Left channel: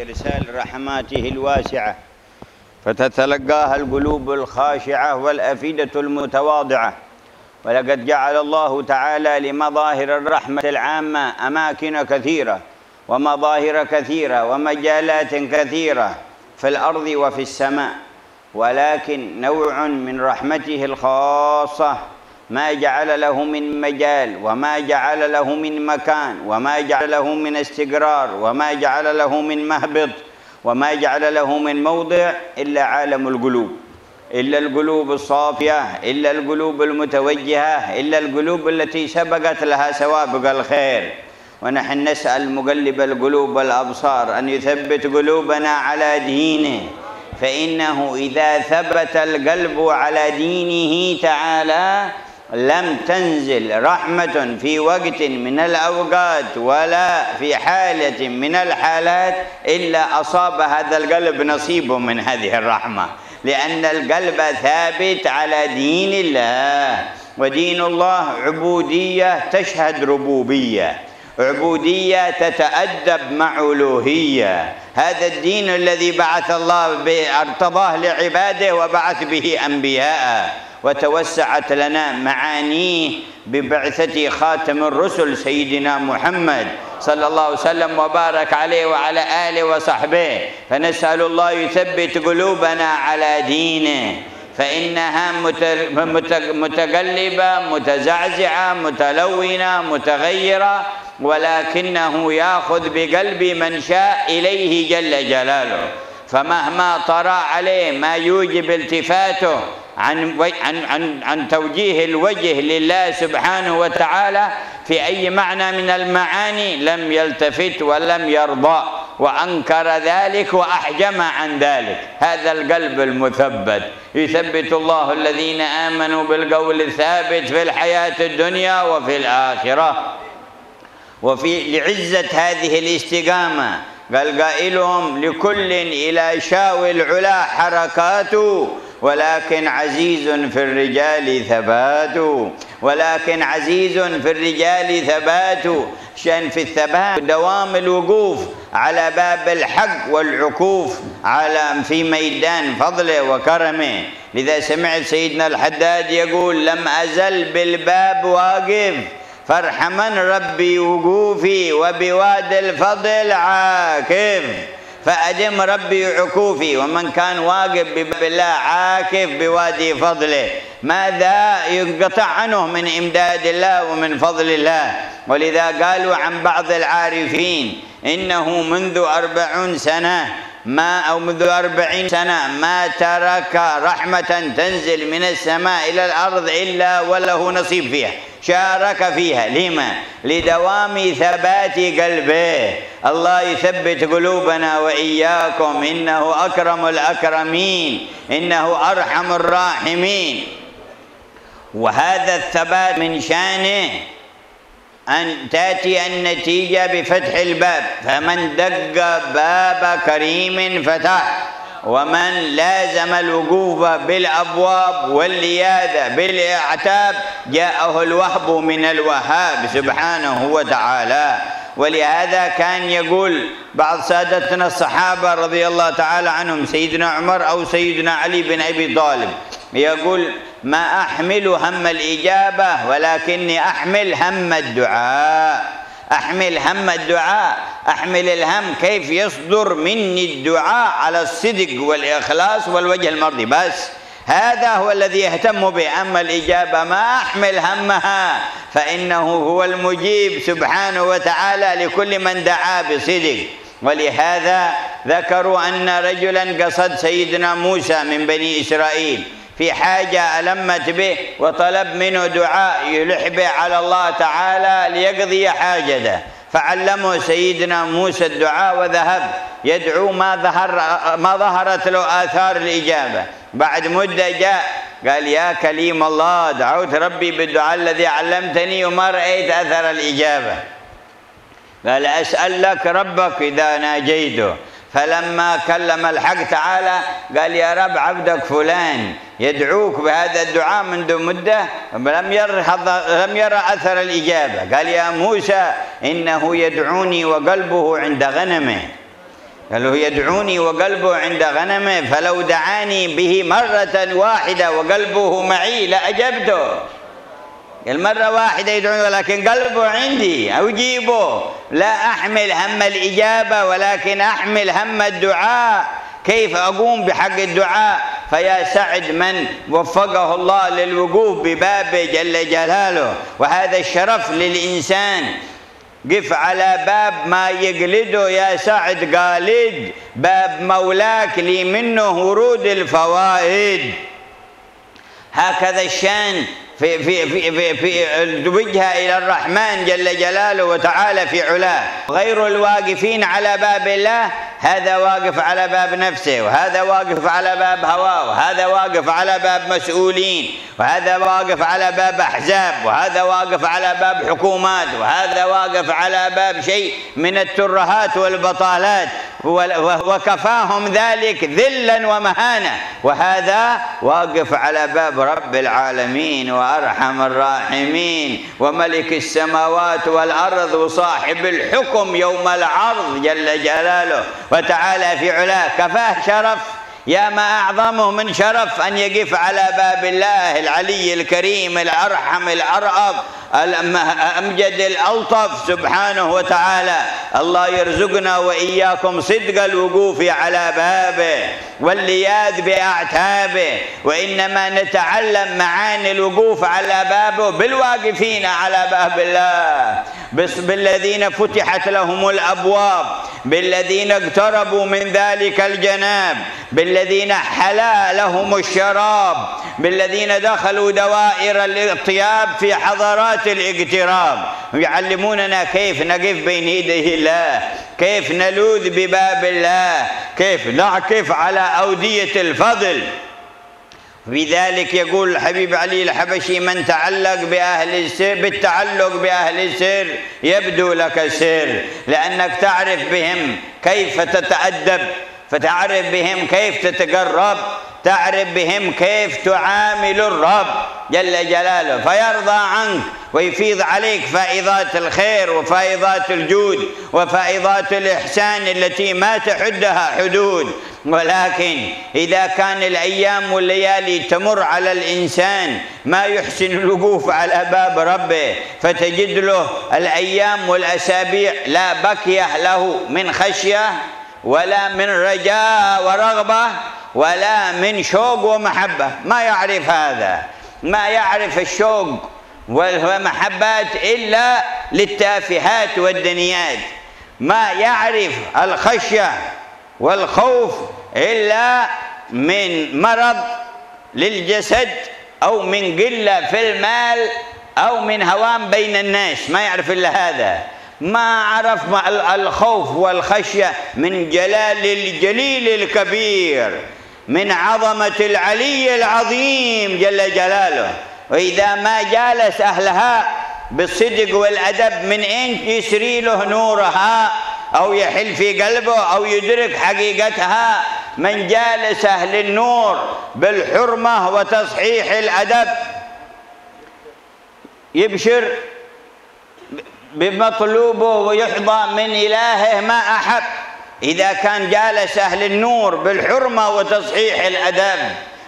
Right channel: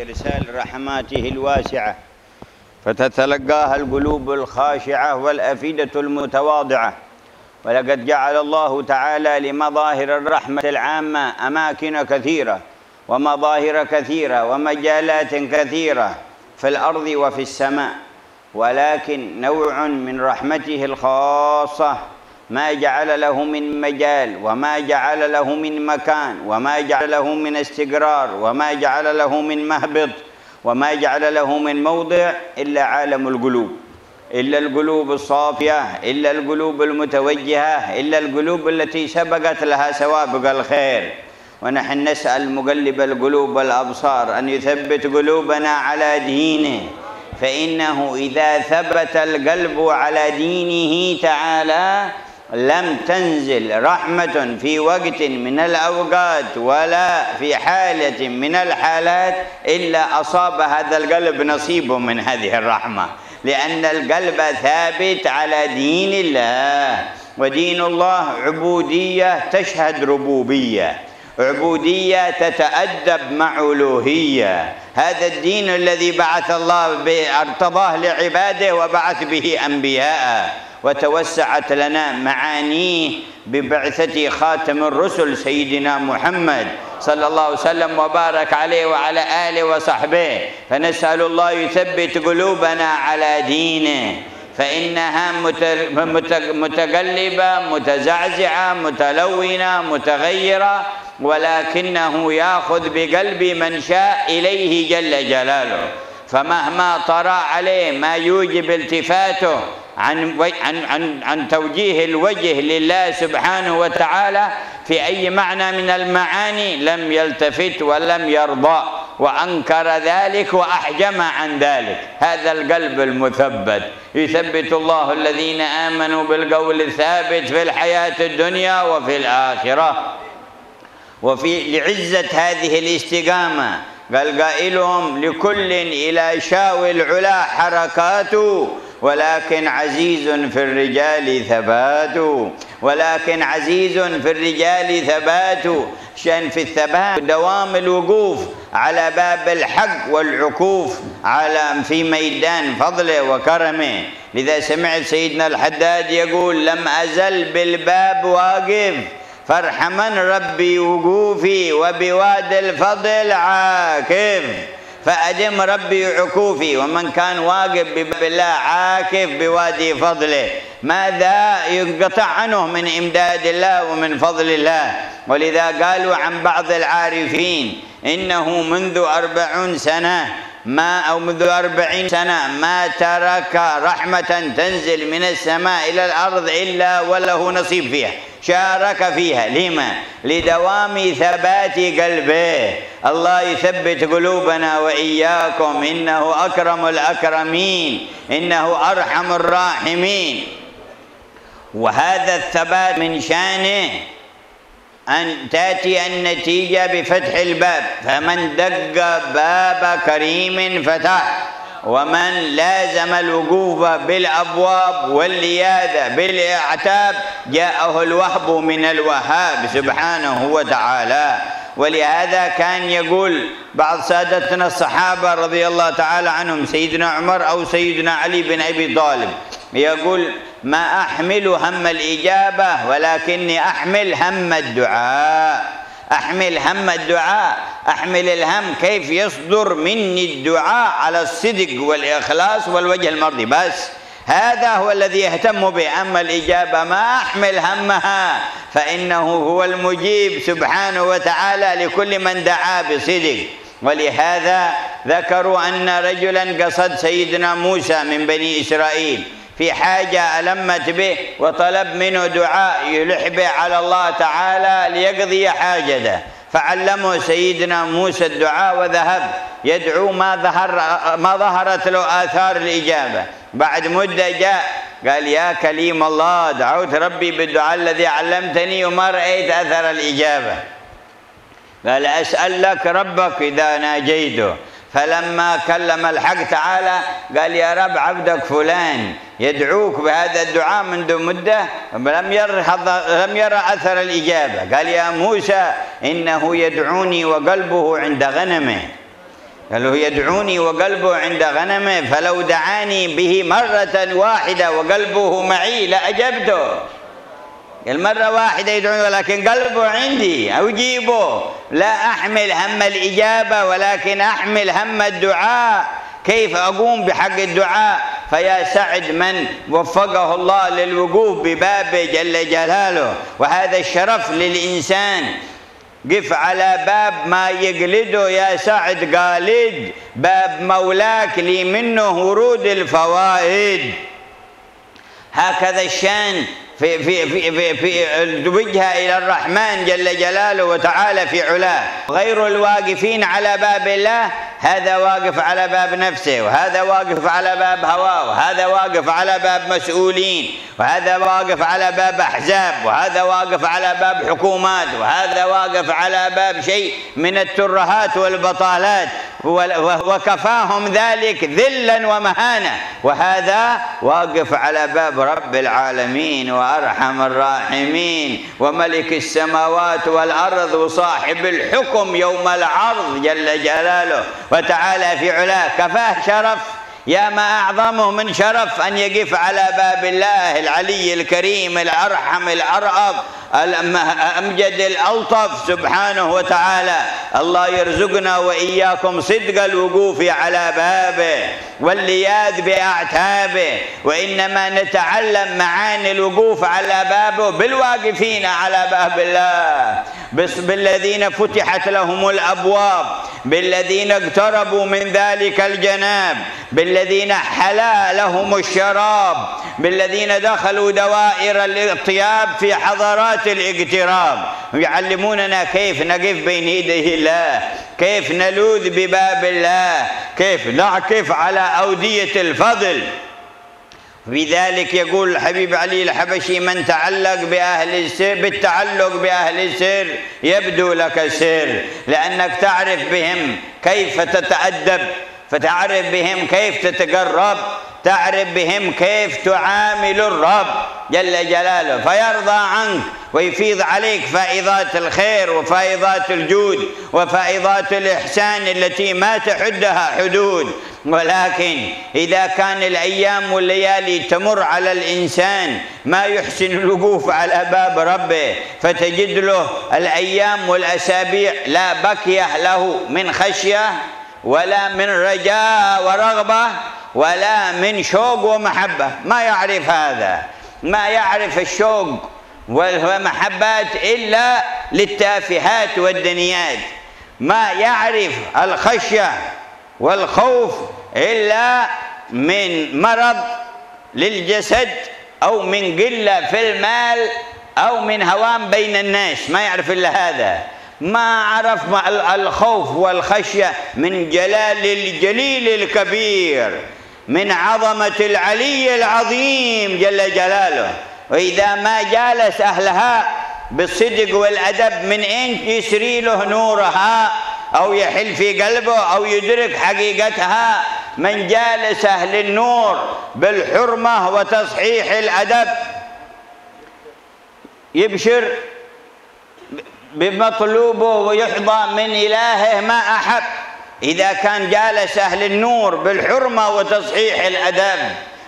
إرسال رحماته الواسعة، فتتلقاها القلوب الخاشعة والأفئدة المتواضعة. ولقد جعل الله تعالى لمظاهر الرحمة العامة أماكن كثيرة ومظاهر كثيرة ومجالات كثيرة في الأرض وفي السماء، ولكن نوع من رحمته الخاصة ما جعل له من مجال وما جعل له من مكان وما جعل له من استقرار وما جعل له من مهبط وما جعل له من موضع إلا عالم القلوب، إلا القلوب الصافية، إلا القلوب المتوجهة، إلا القلوب التي سبقت لها سوابق الخير. ونحن نسأل مقلب القلوب والأبصار أن يثبت قلوبنا على دينه، فإنه إذا ثبت القلب على دينه تعالى لم تنزل رحمة في وقت من الأوقات ولا في حالة من الحالات إلا أصاب هذا القلب نصيب من هذه الرحمة، لأن القلب ثابت على دين الله. ودين الله عبودية تشهد ربوبية، عبودية تتأدب مع ألوهية. هذا الدين الذي بعث الله ارتضاه لعباده وبعث به أنبياء، وتوسعت لنا معانيه ببعثة خاتم الرسل سيدنا محمد صلى الله عليه وسلم وبارك عليه وعلى آله وصحبه. فنسأل الله يثبت قلوبنا على دينه، فإنها متقلبة متزعزعة متلونة متغيرة، ولكنه يأخذ بقلب من شاء إليه جل جلاله. فمهما طرأ عليه ما يوجب التفاته عن توجيه الوجه لله سبحانه وتعالى في أي معنى من المعاني لم يلتفت ولم يرضى، وأنكر ذلك وأحجم عن ذلك. هذا القلب المثبت يثبت الله الذين آمنوا بالقول الثابت في الحياة الدنيا وفي الآخرة. لعزة هذه الاستقامة قال قائلهم: لكل إلى شاو العلا حركات، ولكن عزيز في الرجال ثبات. ولكن عزيز في الرجال ثبات، شأن في الثبات دوام الوقوف على باب الحق والعكوف في ميدان فضله وكرمه. لذا سمعت سيدنا الحداد يقول: لم أزل بالباب واقف فارحمن ربي وقوفي وبواد الفضل عاكف. فأدم ربي عكوفي، ومن كان واقف بباب الله عاكف بوادي فضله ماذا ينقطع عنه من إمداد الله ومن فضل الله. ولذا قالوا عن بعض العارفين إنه منذ 40 سنة منذ 40 سنة ما ترك رحمة تنزل من السماء إلى الأرض إلا وله نصيب فيها، شارك فيها. لما؟ لدوام ثبات قلبه. الله يثبت قلوبنا وإياكم، إنه أكرم الأكرمين، إنه أرحم الراحمين. وهذا الثبات من شأنه أن تأتي النتيجة بفتح الباب، فمن دق باب كريم فتح، ومن لازم الوقوف بالأبواب واللياذة بالأعتاب جاءه الوهب من الوهاب سبحانه وتعالى. ولهذا كان يقول بعض سادتنا الصحابة رضي الله تعالى عنهم، سيدنا عمر أو سيدنا علي بن أبي طالب، يقول: ما أحمل هم الإجابة ولكني أحمل هم الدعاء. أحمل هم الدعاء، أحمل الهم كيف يصدر مني الدعاء على الصدق والإخلاص والوجه المرضي، بس هذا هو الذي يهتم به. أما الإجابة ما أحمل همها، فإنه هو المجيب سبحانه وتعالى لكل من دعا بصدق. ولهذا ذكروا أن رجلا قصد سيدنا موسى من بني إسرائيل في حاجة ألمت به وطلب منه دعاء يلح به على الله تعالى ليقضي حاجته، فعلمه سيدنا موسى الدعاء وذهب يدعو ما ظهرت له آثار الإجابة. بعد مدة جاء قال: يا كليم الله، دعوت ربي بالدعاء الذي علمتني وما رأيت أثر الإجابة. قال: أسأل لك ربك إذا ناجيته. فلما كلم الحق تعالى قال: يا رب عبدك فلان يدعوك بهذا الدعاء منذ مدة لم يرى أثر الإجابة. قال: يا موسى إنه يدعوني وقلبه عند غنمه. قال له يدعوني وقلبه عند غنمه، فلو دعاني به مرة واحدة وقلبه معي لأجبته. قال مرة واحدة يدعوني ولكن قلبه عندي أجيبه، لا أحمل هم الإجابة ولكن أحمل هم الدعاء، كيف أقوم بحق الدعاء. فيا سعد من وفقه الله للوقوف ببابه جل جلاله. وهذا الشرف للإنسان. قف على باب ما يقلده يا سعد قالد، باب مولاك لي منه ورود الفوائد. هكذا الشان في الوجهة إلى الرحمن جل جلاله وتعالى في علاه. غير الواقفين على باب الله هذا واقف على باب نفسه، وهذا واقف على باب هواه، وهذا واقف على باب مسؤولين، وهذا واقف على باب أحزاب، وهذا واقف على باب حكومات، وهذا واقف على باب شيء من الترهات والبطالات، وكفاهم ذلك ذلا ومهانة. وهذا واقف على باب رب العالمين وأرحم الراحمين وملك السماوات والأرض وصاحب الحكم يوم العرض جل جلاله وتعالى في علاه. كفاه شرف، يا ما أعظمه من شرف أن يقف على باب الله العلي الكريم الأرحم الأرأف الأمجد الألطف سبحانه وتعالى. الله يرزقنا وإياكم صدق الوقوف على بابه واللياذ بأعتابه. وإنما نتعلم معاني الوقوف على بابه بالواقفين على باب الله، بالذين فتحت لهم الأبواب، بالذين اقتربوا من ذلك الجناب، بالذين حلا لهم الشراب، بالذين دخلوا دوائر الاطياب في حضرات الاقتراب. يعلموننا كيف نقف بين يدي الله، كيف نلوذ بباب الله، كيف نعكف على أودية الفضل. بذلك يقول الحبيب علي الحبشي: من تعلق بأهل السر بالتعلق بأهل السر يبدو لك السر، لأنك تعرف بهم كيف تتأدب، فتعرف بهم كيف تتقرب، تعرف بهم كيف تعامل الرب جل جلاله، فيرضى عنك ويفيض عليك فائضات الخير وفائضات الجود وفائضات الإحسان التي ما تحدها حدود. ولكن إذا كان الأيام والليالي تمر على الإنسان ما يحسن الوقوف على باب ربه، فتجد له الأيام والأسابيع لا بكية له من خشية ولا من رجاء ورغبة ولا من شوق ومحبة. ما يعرف هذا، ما يعرف الشوق والمحبات إلا للتافهات والدنيات، ما يعرف الخشية والخوف إلا من مرض للجسد أو من قلة في المال أو من هوام بين الناس، ما يعرف إلا هذا. ما عرف الخوف والخشية من جلال الجليل الكبير، من عظمة العلي العظيم جل جلاله. وإذا ما جالس أهلها بالصدق والأدب من أين يسري له نورها أو يحل في قلبه أو يدرك حقيقتها؟ من جالس أهل النور بالحرمة وتصحيح الأدب يبشر بمطلوبه ويحظى من إلهه ما أحب. إذا كان جالس أهل النور بالحرمة وتصحيح الأدب،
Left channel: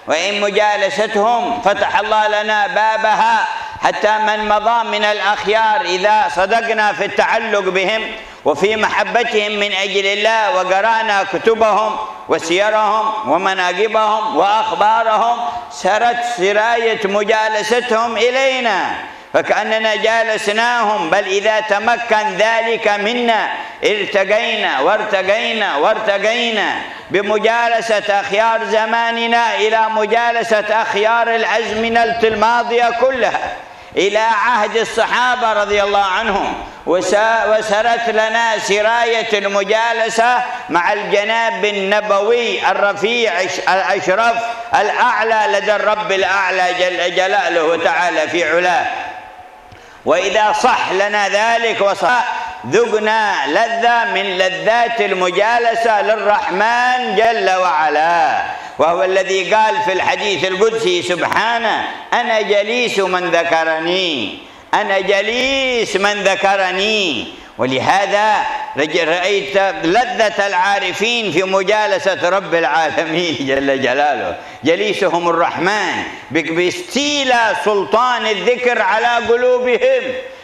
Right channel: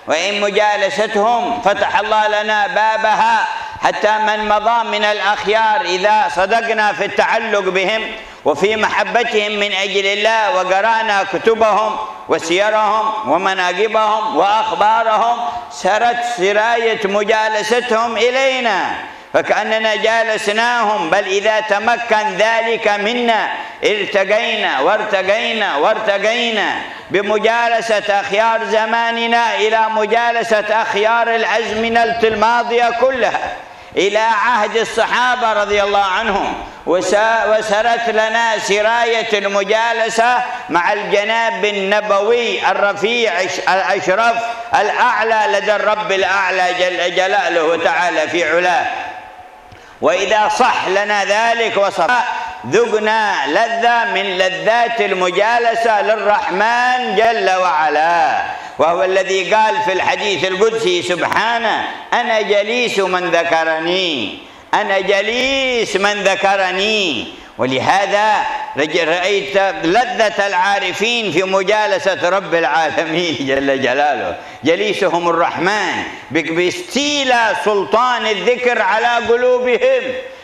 وإن مجالستهم فتح الله لنا بابها حتى من مضى من الأخيار إذا صدقنا في التعلق بهم وفي محبتهم من أجل الله وقرأنا كتبهم وسيرهم ومناقبهم وأخبارهم، سرت سراية مجالستهم إلينا فكأننا جالسناهم. بل إذا تمكن ذلك منا ارتقينا وارتقينا وارتقينا بمجالسة أخيار زماننا إلى مجالسة أخيار الأزمنة الماضية كلها، إلى عهد الصحابة رضي الله عنهم، وسرت لنا سراية المجالسة مع الجناب النبوي الرفيع الأشرف الأعلى لدى الرب الأعلى جل جلاله وتعالى في علاه. وإذا صح لنا ذلك وصح ذقنا لذة من لذات المجالسة للرحمن جل وعلا، وهو الذي قال في الحديث القدسي سبحانه: أنا جليس من ذكرني، أنا جليس من ذكرني. ولهذا رأيت لذة العارفين في مجالسة رب العالمين جل جلاله، جليسهم الرحمن باستيلاء سلطان الذكر على قلوبهم،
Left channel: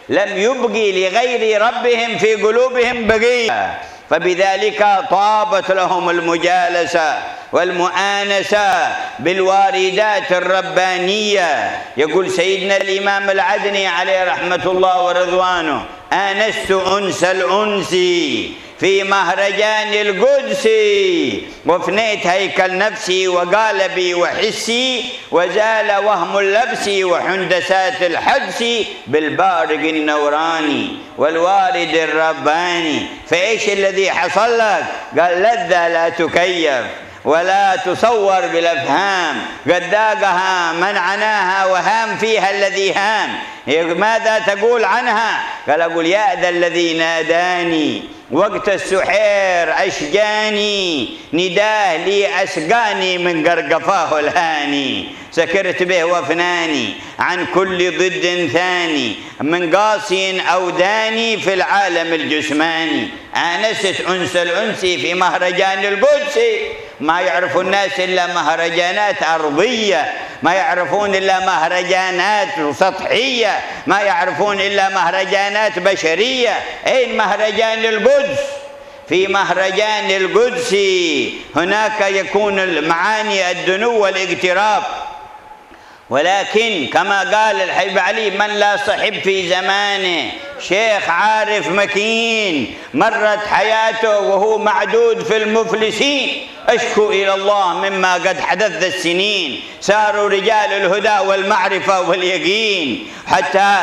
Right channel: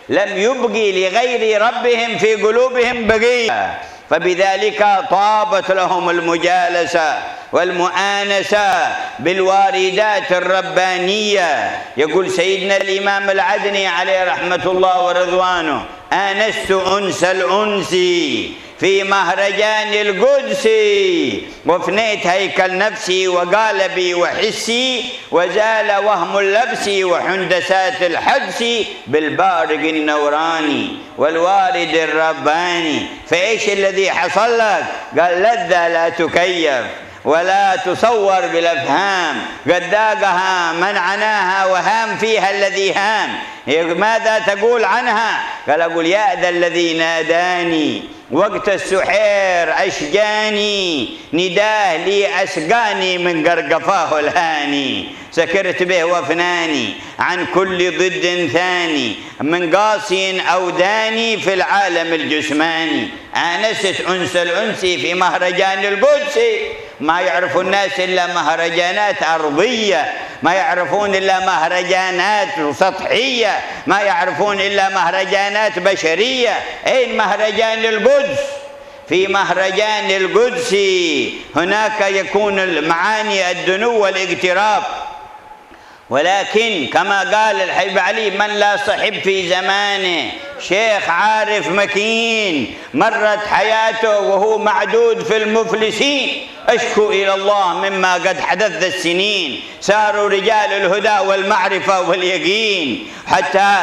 لم يبقي لغير ربهم في قلوبهم بقية، فبذلك طابت لهم المجالسة والمؤانسة بالواردات الربانية. يقول سيدنا الإمام العدني عليه رحمة الله ورضوانه: آنست أنس الأنس في مهرجان القدس، وفنيت هيكل نفسي وقالبي وحسي، وزال وهم اللبس وحندسات الحدس بالبارق النوراني والوارد الرباني. فإيش الذي حصل لك؟ قال: لذة لا تكيف ولا تصور بالأفهام، قد ذاقها من عناها وهام فيها الذي هام. ماذا تقول عنها؟ قال: أقول: يا ذا الذي ناداني وقت السحير أشجاني، نداه لي أسقاني من قرقفاه الهاني، سكرت به وفناني عن كل ضد ثاني، من قاسي أو داني في العالم الجسماني. آنست أنس الأنس في مهرجان القدس. ما يعرف الناس إلا مهرجانات أرضية، ما يعرفون إلا مهرجانات سطحية، ما يعرفون إلا مهرجانات بشرية. أين مهرجان القدس؟ في مهرجان القدس هناك يكون المعاني الدنو والاقتراب، ولكن كما قال الحبيب علي: من لا صحب في زمانه شيخ عارف مكين، مرت حياته وهو معدود في المفلسين، أشكو إلى الله مما قد حدث السنين، ساروا رجال الهدى والمعرفة واليقين، حتى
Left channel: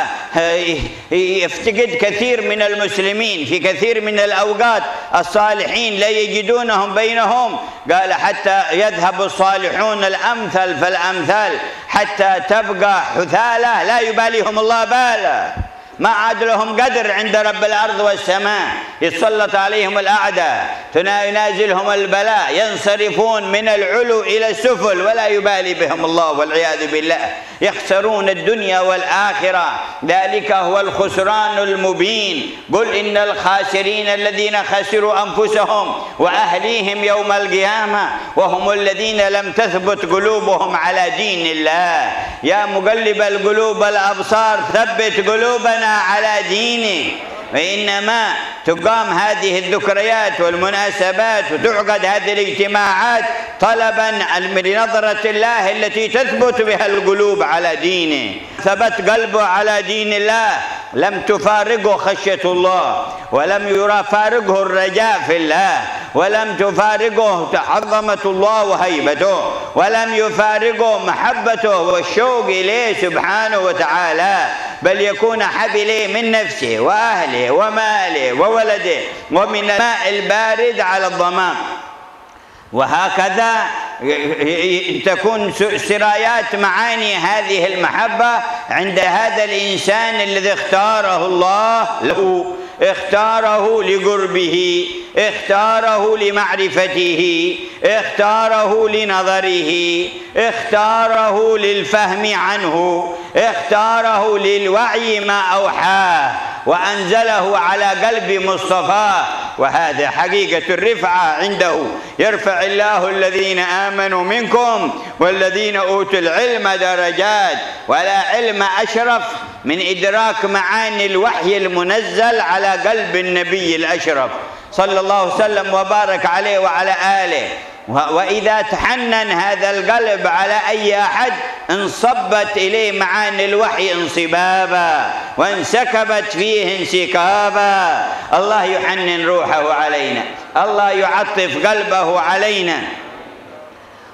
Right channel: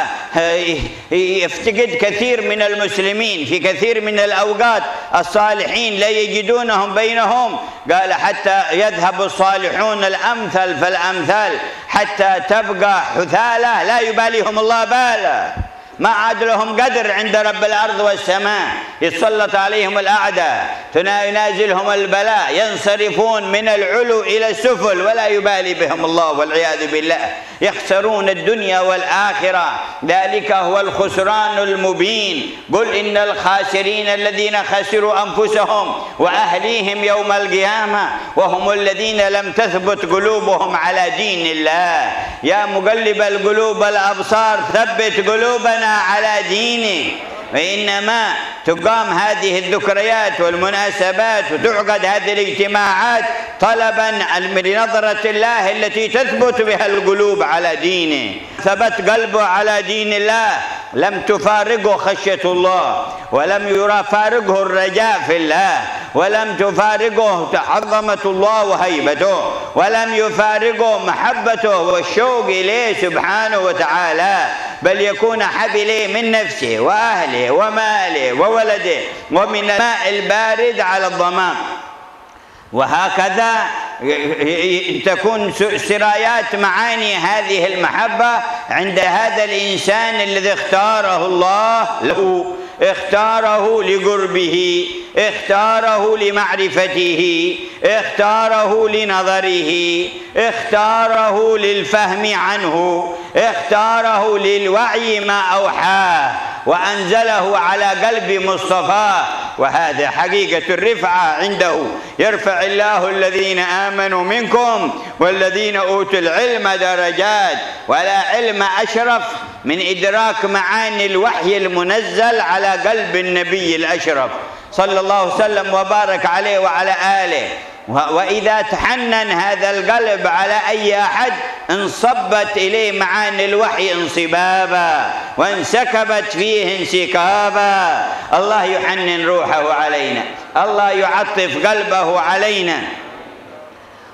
يفتقد كثير من المسلمين في كثير من الأوقات الصالحين لا يجدونهم بينهم. قال: حتى يذهب الصالحون الأمثل فالأمثال حتى تبقى حثالة لا يباليهم الله بالا، ما عاد لهم قدر عند رب الأرض والسماء، يتسلط عليهم الأعداء، ينازلهم البلاء، ينصرفون من العلو إلى السفل ولا يبالي بهم الله والعياذ بالله، يخسرون الدنيا والآخرة، ذلك هو الخسران المبين. قل إن الخاسرين الذين خسروا أنفسهم وأهليهم يوم القيامة وهم الذين لم تثبت قلوبهم على دين الله. يا مقلب القلوب الأبصار ثبت قلوبنا على دينك. فإنما تقام هذه الذكريات والمناسبات وتعقد هذه الاجتماعات طلبا لنظرة الله التي تثبت بها القلوب على دينه. ثبت قلبه على دين الله لم تفارقه خشية الله، ولم يفارقه الرجاء في الله، ولم تفارقه عظمة الله وهيبته، ولم يفارقه محبته والشوق إليه سبحانه وتعالى، بل يكون حب إليه من نفسه وأهله وماله وولده ومن الماء البارد على الضمام. وهكذا تكون سرايات معاني هذه المحبة عند هذا الإنسان الذي اختاره الله له، اختاره لقربه، اختاره لمعرفته، اختاره لنظره، اختاره للفهم عنه، اختاره للوعي ما أوحاه، وأنزله على قلب مصطفاه. وهذا حقيقة الرفعة عنده، يرفع الله الذين آمنوا منكم والذين أوتوا العلم درجات. ولا علم أشرف من إدراك معاني الوحي المنزل على قلب النبي الأشرف صلى الله وسلم وبارك عليه وعلى آله. وإذا تحنن هذا القلب على أي أحد انصبت إليه معاني الوحي انصبابا وانسكبت فيه انسكابا. الله يحنن روحه علينا، الله يعطف قلبه علينا.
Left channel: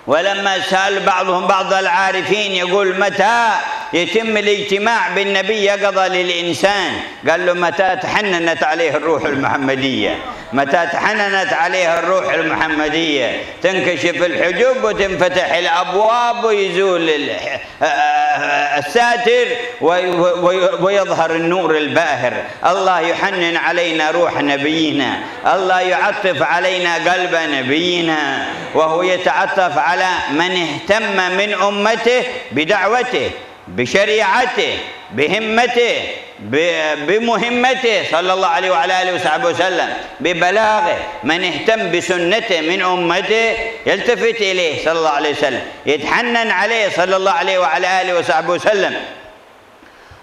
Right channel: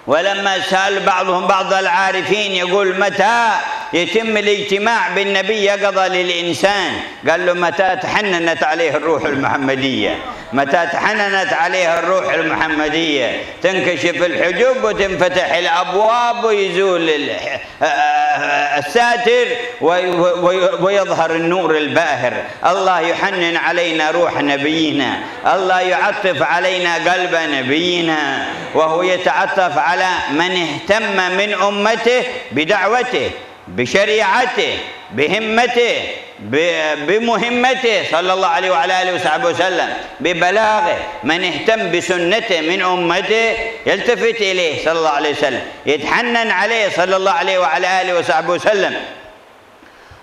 ولما سأل بعضهم بعض العارفين يقول: متى يتم الاجتماع بالنبي يقظة للإنسان؟ قال له: متى تحننت عليه الروح المحمدية، متى تحننت عليه الروح المحمدية تنكشف الحجب وتنفتح الأبواب ويزول الساتر ويظهر النور الباهر. الله يحنن علينا روح نبينا، الله يعطف علينا قلب نبينا، وهو يتعطف على من اهتم من أمته بدعوته بشريعته بهمته بمهمته صلى الله عليه وعلى آله وصحبه وسلم، ببلاغه. من اهتم بسنته من أمته يلتفت إليه صلى الله عليه وسلم، يتحنن عليه صلى الله عليه وعلى آله وصحبه وسلم.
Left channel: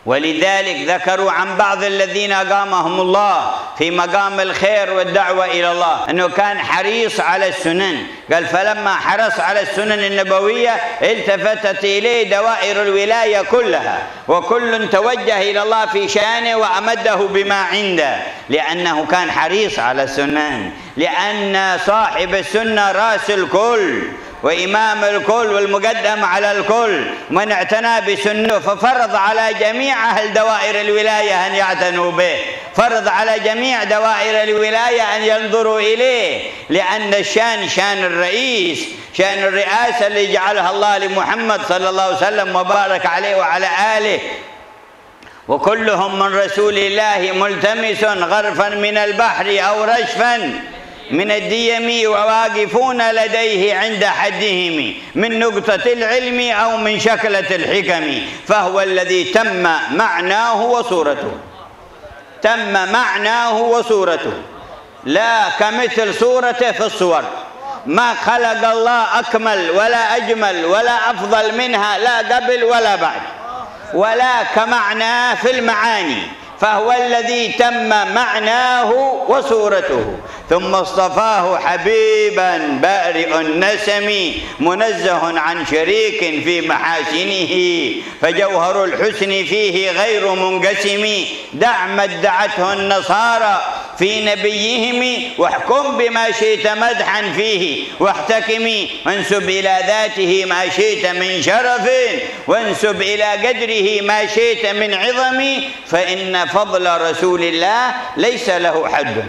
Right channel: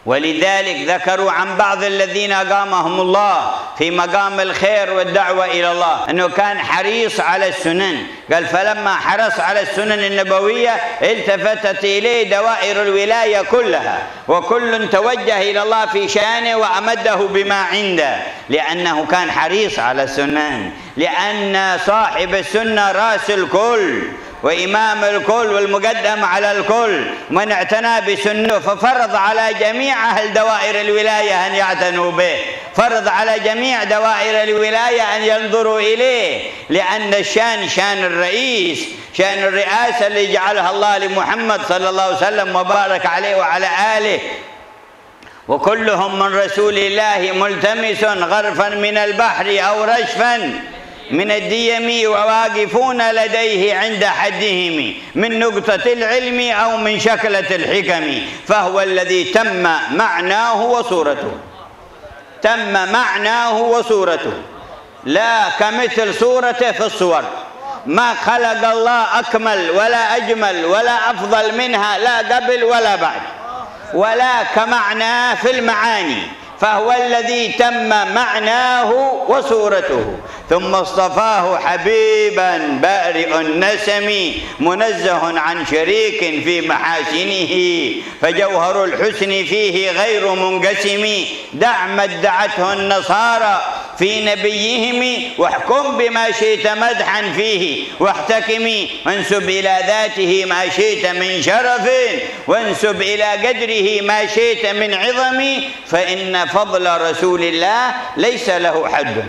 ولذلك ذكروا عن بعض الذين أقامهم الله في مقام الخير والدعوة إلى الله أنه كان حريص على السنن. قال فلما حرص على السنن النبوية التفتت إليه دوائر الولاية كلها، وكل توجه إلى الله في شأنه وأمده بما عنده، لأنه كان حريص على السنن، لأن صاحب السنة رأس الكل وإمام الكل والمقدم على الكل. من اعتنى بسنته ففرض على جميع أهل دوائر الولاية أن يعتنوا به، فرض على جميع دوائر الولاية أن ينظروا إليه، لأن الشان شان الرئيس، شان الرئاسة اللي جعلها الله لمحمد صلى الله عليه وسلم وبارك عليه وعلى آله. وكلهم من رسول الله ملتمس غرفا من البحر أو رشفا من الديم، وواقفون لديه عند حدهم من نقطة العلم أو من شكلة الحكم، فهو الذي تم معناه وصورته، تم معناه وصورته، لا كمثل صورته في الصور. ما خلق الله أكمل ولا أجمل ولا أفضل منها، لا قبل ولا بعد، ولا كمعناه في المعاني، فهو الذي تم معناه وصورته. ثم اصطفاه حبيبا بارئ النسم منزه عن شريك في محاسنه، فجوهر الحسن فيه غير منقسم. دع ما ادعته النصارى في نبيهم، واحكم بما شئت مدحا فيه واحتكم. وانسب إلى ذاته ما شئت من شرف، وانسب إلى قدره ما شئت من عظم، فإن فضل رسول الله ليس له حد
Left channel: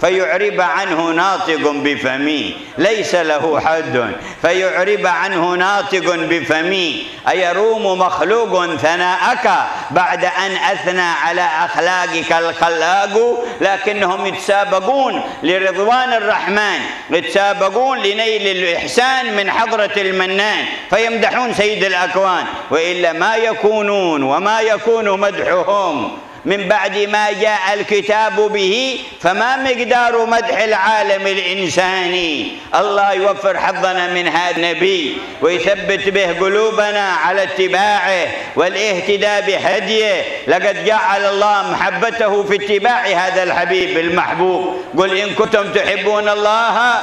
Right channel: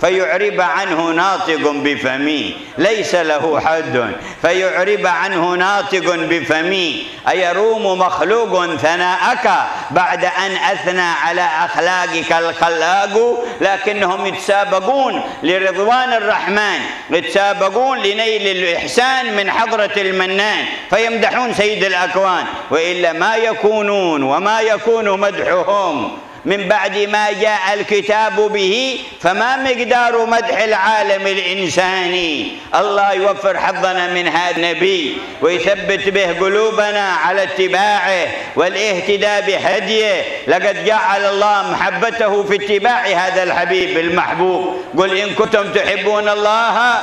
فيعرب عنه ناطق بفمي، ليس له حد فيعرب عنه ناطق بفمي. أيروم مخلوق ثناءك بعد أن أثنى على أخلاقك الخلاق؟ لكنهم يتسابقون لرضوان الرحمن، يتسابقون لنيل الإحسان من حضرة المنان، فيمدحون سيد الأكوان، وإلا ما يكونون وما يكون مدحهم من بعد ما جاء الكتاب به، فما مقدار مدح العالم الإنساني. الله يوفر حظنا من هذا النبي ويثبت به قلوبنا على اتباعه والاهتداء بهديه. لقد جعل الله محبته في اتباع هذا الحبيب المحبوب. قل إن كنتم تحبون الله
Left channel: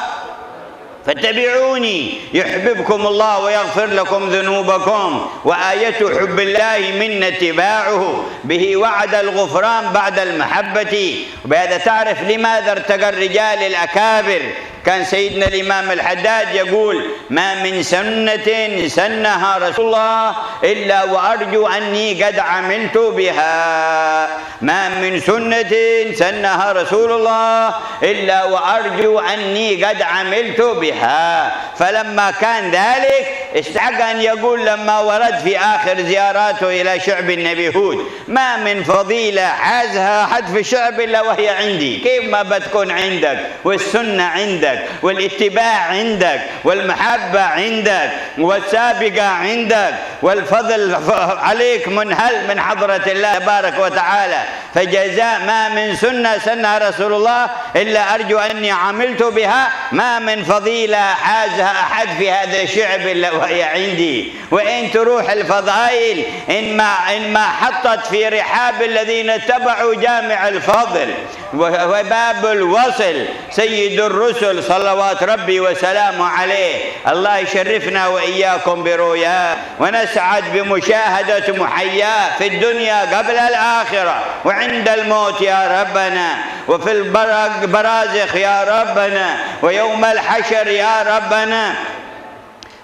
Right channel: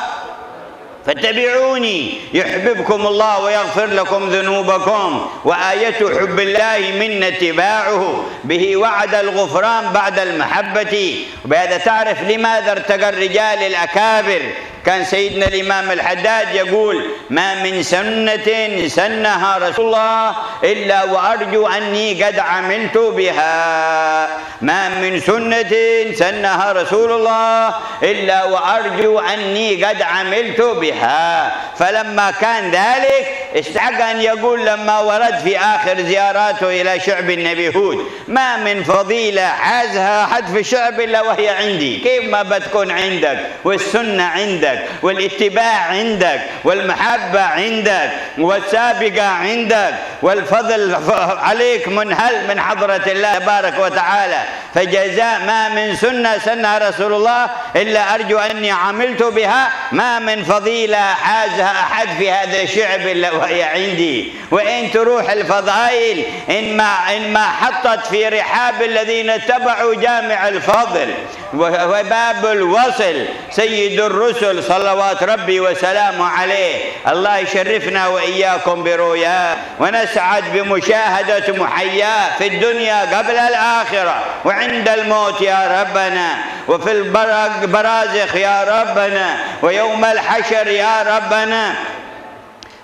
فاتبعوني يحببكم الله ويغفر لكم ذنوبكم. وآية حب الله منا اتباعه، به وعد الغفران بعد المحبة. وبهذا تعرف لماذا ارتقى الرجال الأكابر. كان سيدنا الإمام الحداد يقول: ما من سنة سنها رسول الله إلا وأرجو أني قد عملت بها. ما من سنة سنها رسول الله إلا وأرجو أني قد عملت بها. فلما كان ذلك استحق أن يقول لما ورد في آخر زياراته إلى شعب النبي هود: ما من فضيلة حازها أحد في الشعب إلا وهي عندي. كيف ما بتكون عندك والسنة عندك والاتباع عندك والمحبة عندك والسابقة عندك والفضل عليك منهل من حضرة الله تبارك وتعالى. فجزاء ما من سنة سنها رسول الله إلا أرجو أني عملت بها. ما من فضيلة حازها أحد في هذا الشعب إلا وهي عندي. وإن تروح الفضائل إن ما حطت في رحاب الذين اتبعوا جامع الفضل وباب الوصل سيد الرسل صلوات ربي وسلامه عليه. الله يشرفنا وإياكم برؤياه ونسعد بمشاهدة محياه في الدنيا قبل الآخرة وعند الموت يا ربنا، وفي البرازخ يا ربنا، ويوم الحشر يا ربنا.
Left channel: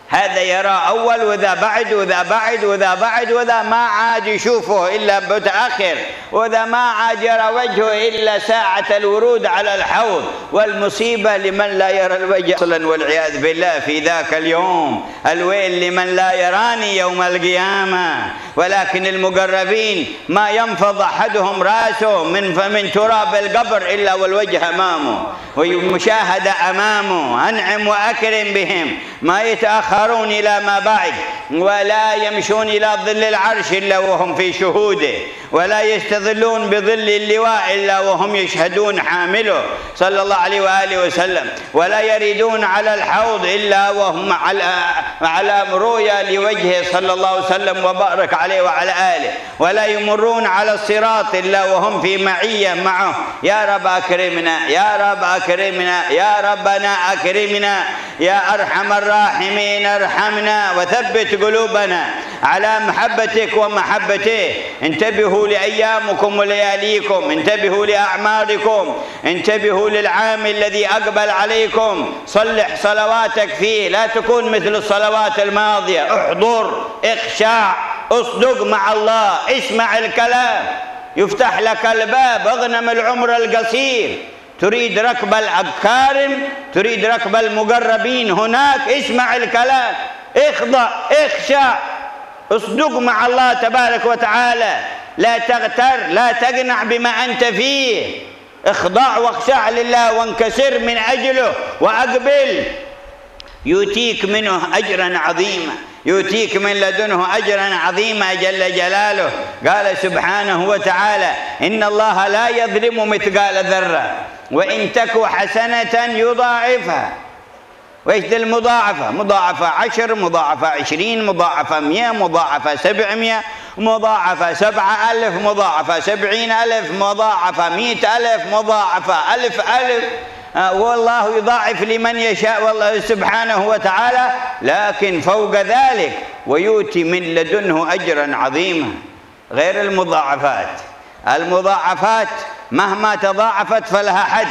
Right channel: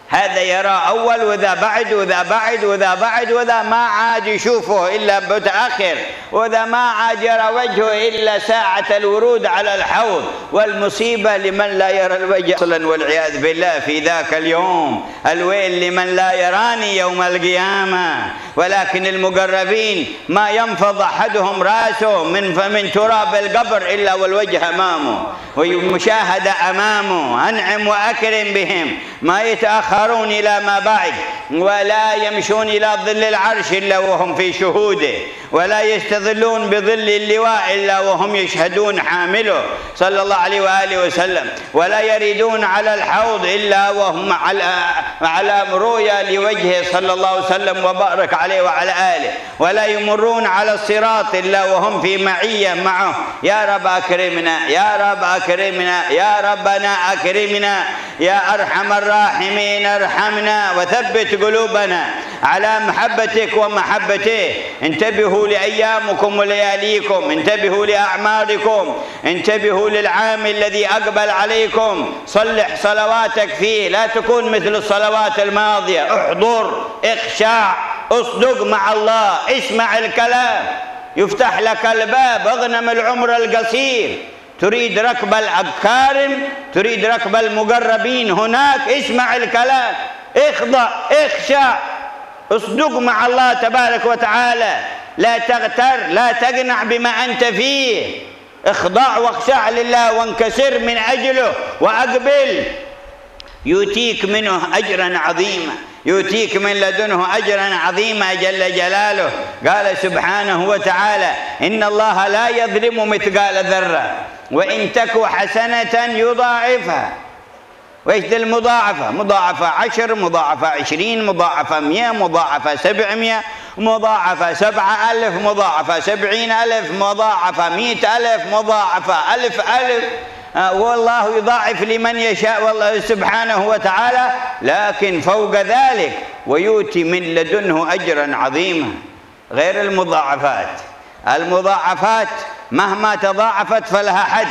هذا يرى أول وذا بعد وذا بعد وذا بعد، وذا ما عاد يشوفه إلا متأخر، وذا ما عاد يرى وجهه إلا ساعة الورود على الحوض. والمصيبة لمن لا يرى الوجه أصلا والعياذ بالله في ذاك اليوم. الويل لمن لا يراني يوم القيامة. ولكن المقربين ما ينفض أحدهم رأسه من تراب القبر إلا والوجه أمامه والمشاهدة أمامه. أنعم وأكرم بهم، ما يتأخر يتأخرون إلى ما بعد، ولا يمشون إلى ظل العرش إلا وهم في شهوده، ولا يستظلون بظل اللواء إلا وهم يشهدون حامله صلى الله عليه وآله وسلم، ولا يريدون على الحوض إلا وهم على رؤيا لوجهه صلى الله عليه وسلم وبارك عليه وعلى آله، ولا يمرون على الصراط إلا وهم في معية معه. يا رب أكرمنا، يا رب أكرمنا، يا ربنا أكرمنا، يا أرحم الراحمين ارحمنا وثبت قلوبنا على محبتك ومحبته. انتبهوا لأيامكم ولياليكم، انتبهوا لأعماركم، انتبهوا للعام الذي أقبل عليكم، صلح صلواتك فيه، لا تكون مثل الصلوات الماضية. احضر، اخشع، اصدق مع الله، اسمع الكلام يفتح لك الباب. اغنم العمر القصير، تريد ركب الأكارم، تريد ركب المقربين هناك، اسمع الكلام، اخضع، اخشع، اصدق مع الله تبارك وتعالى، لا تغتر، لا تقنع بما أنت فيه، اخضع واخشع لله وانكسر من أجله وأقبل، يؤتيك منه أجرا عظيما، يؤتيك من لدنه أجرا عظيما جل جلاله. قال سبحانه وتعالى: إن الله لا يظلم مثقال ذرة وإن تك حسنة يضاعفها. وإيش ذي المضاعفة؟ مضاعفة 10، مضاعفة 20، مضاعفة 100، مضاعفة 700، مضاعفة 7000، مضاعفة 70000، مضاعفة 100000، مضاعفة 1000. والله يضاعف لمن يشاء والله سبحانه وتعالى، لكن فوق ذلك ويؤتي من لدنه أجرا عظيما. غير المضاعفات، المضاعفات مهما تضاعفت فلها حد،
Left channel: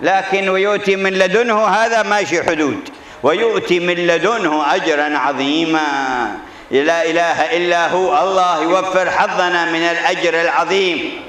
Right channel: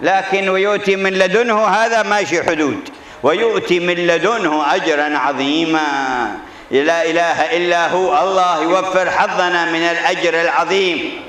لكن ويؤتي من لدنه هذا ماشي حدود، ويؤتي من لدنه أجرا عظيما. لا إله إلا هو. الله يوفر حظنا من الأجر العظيم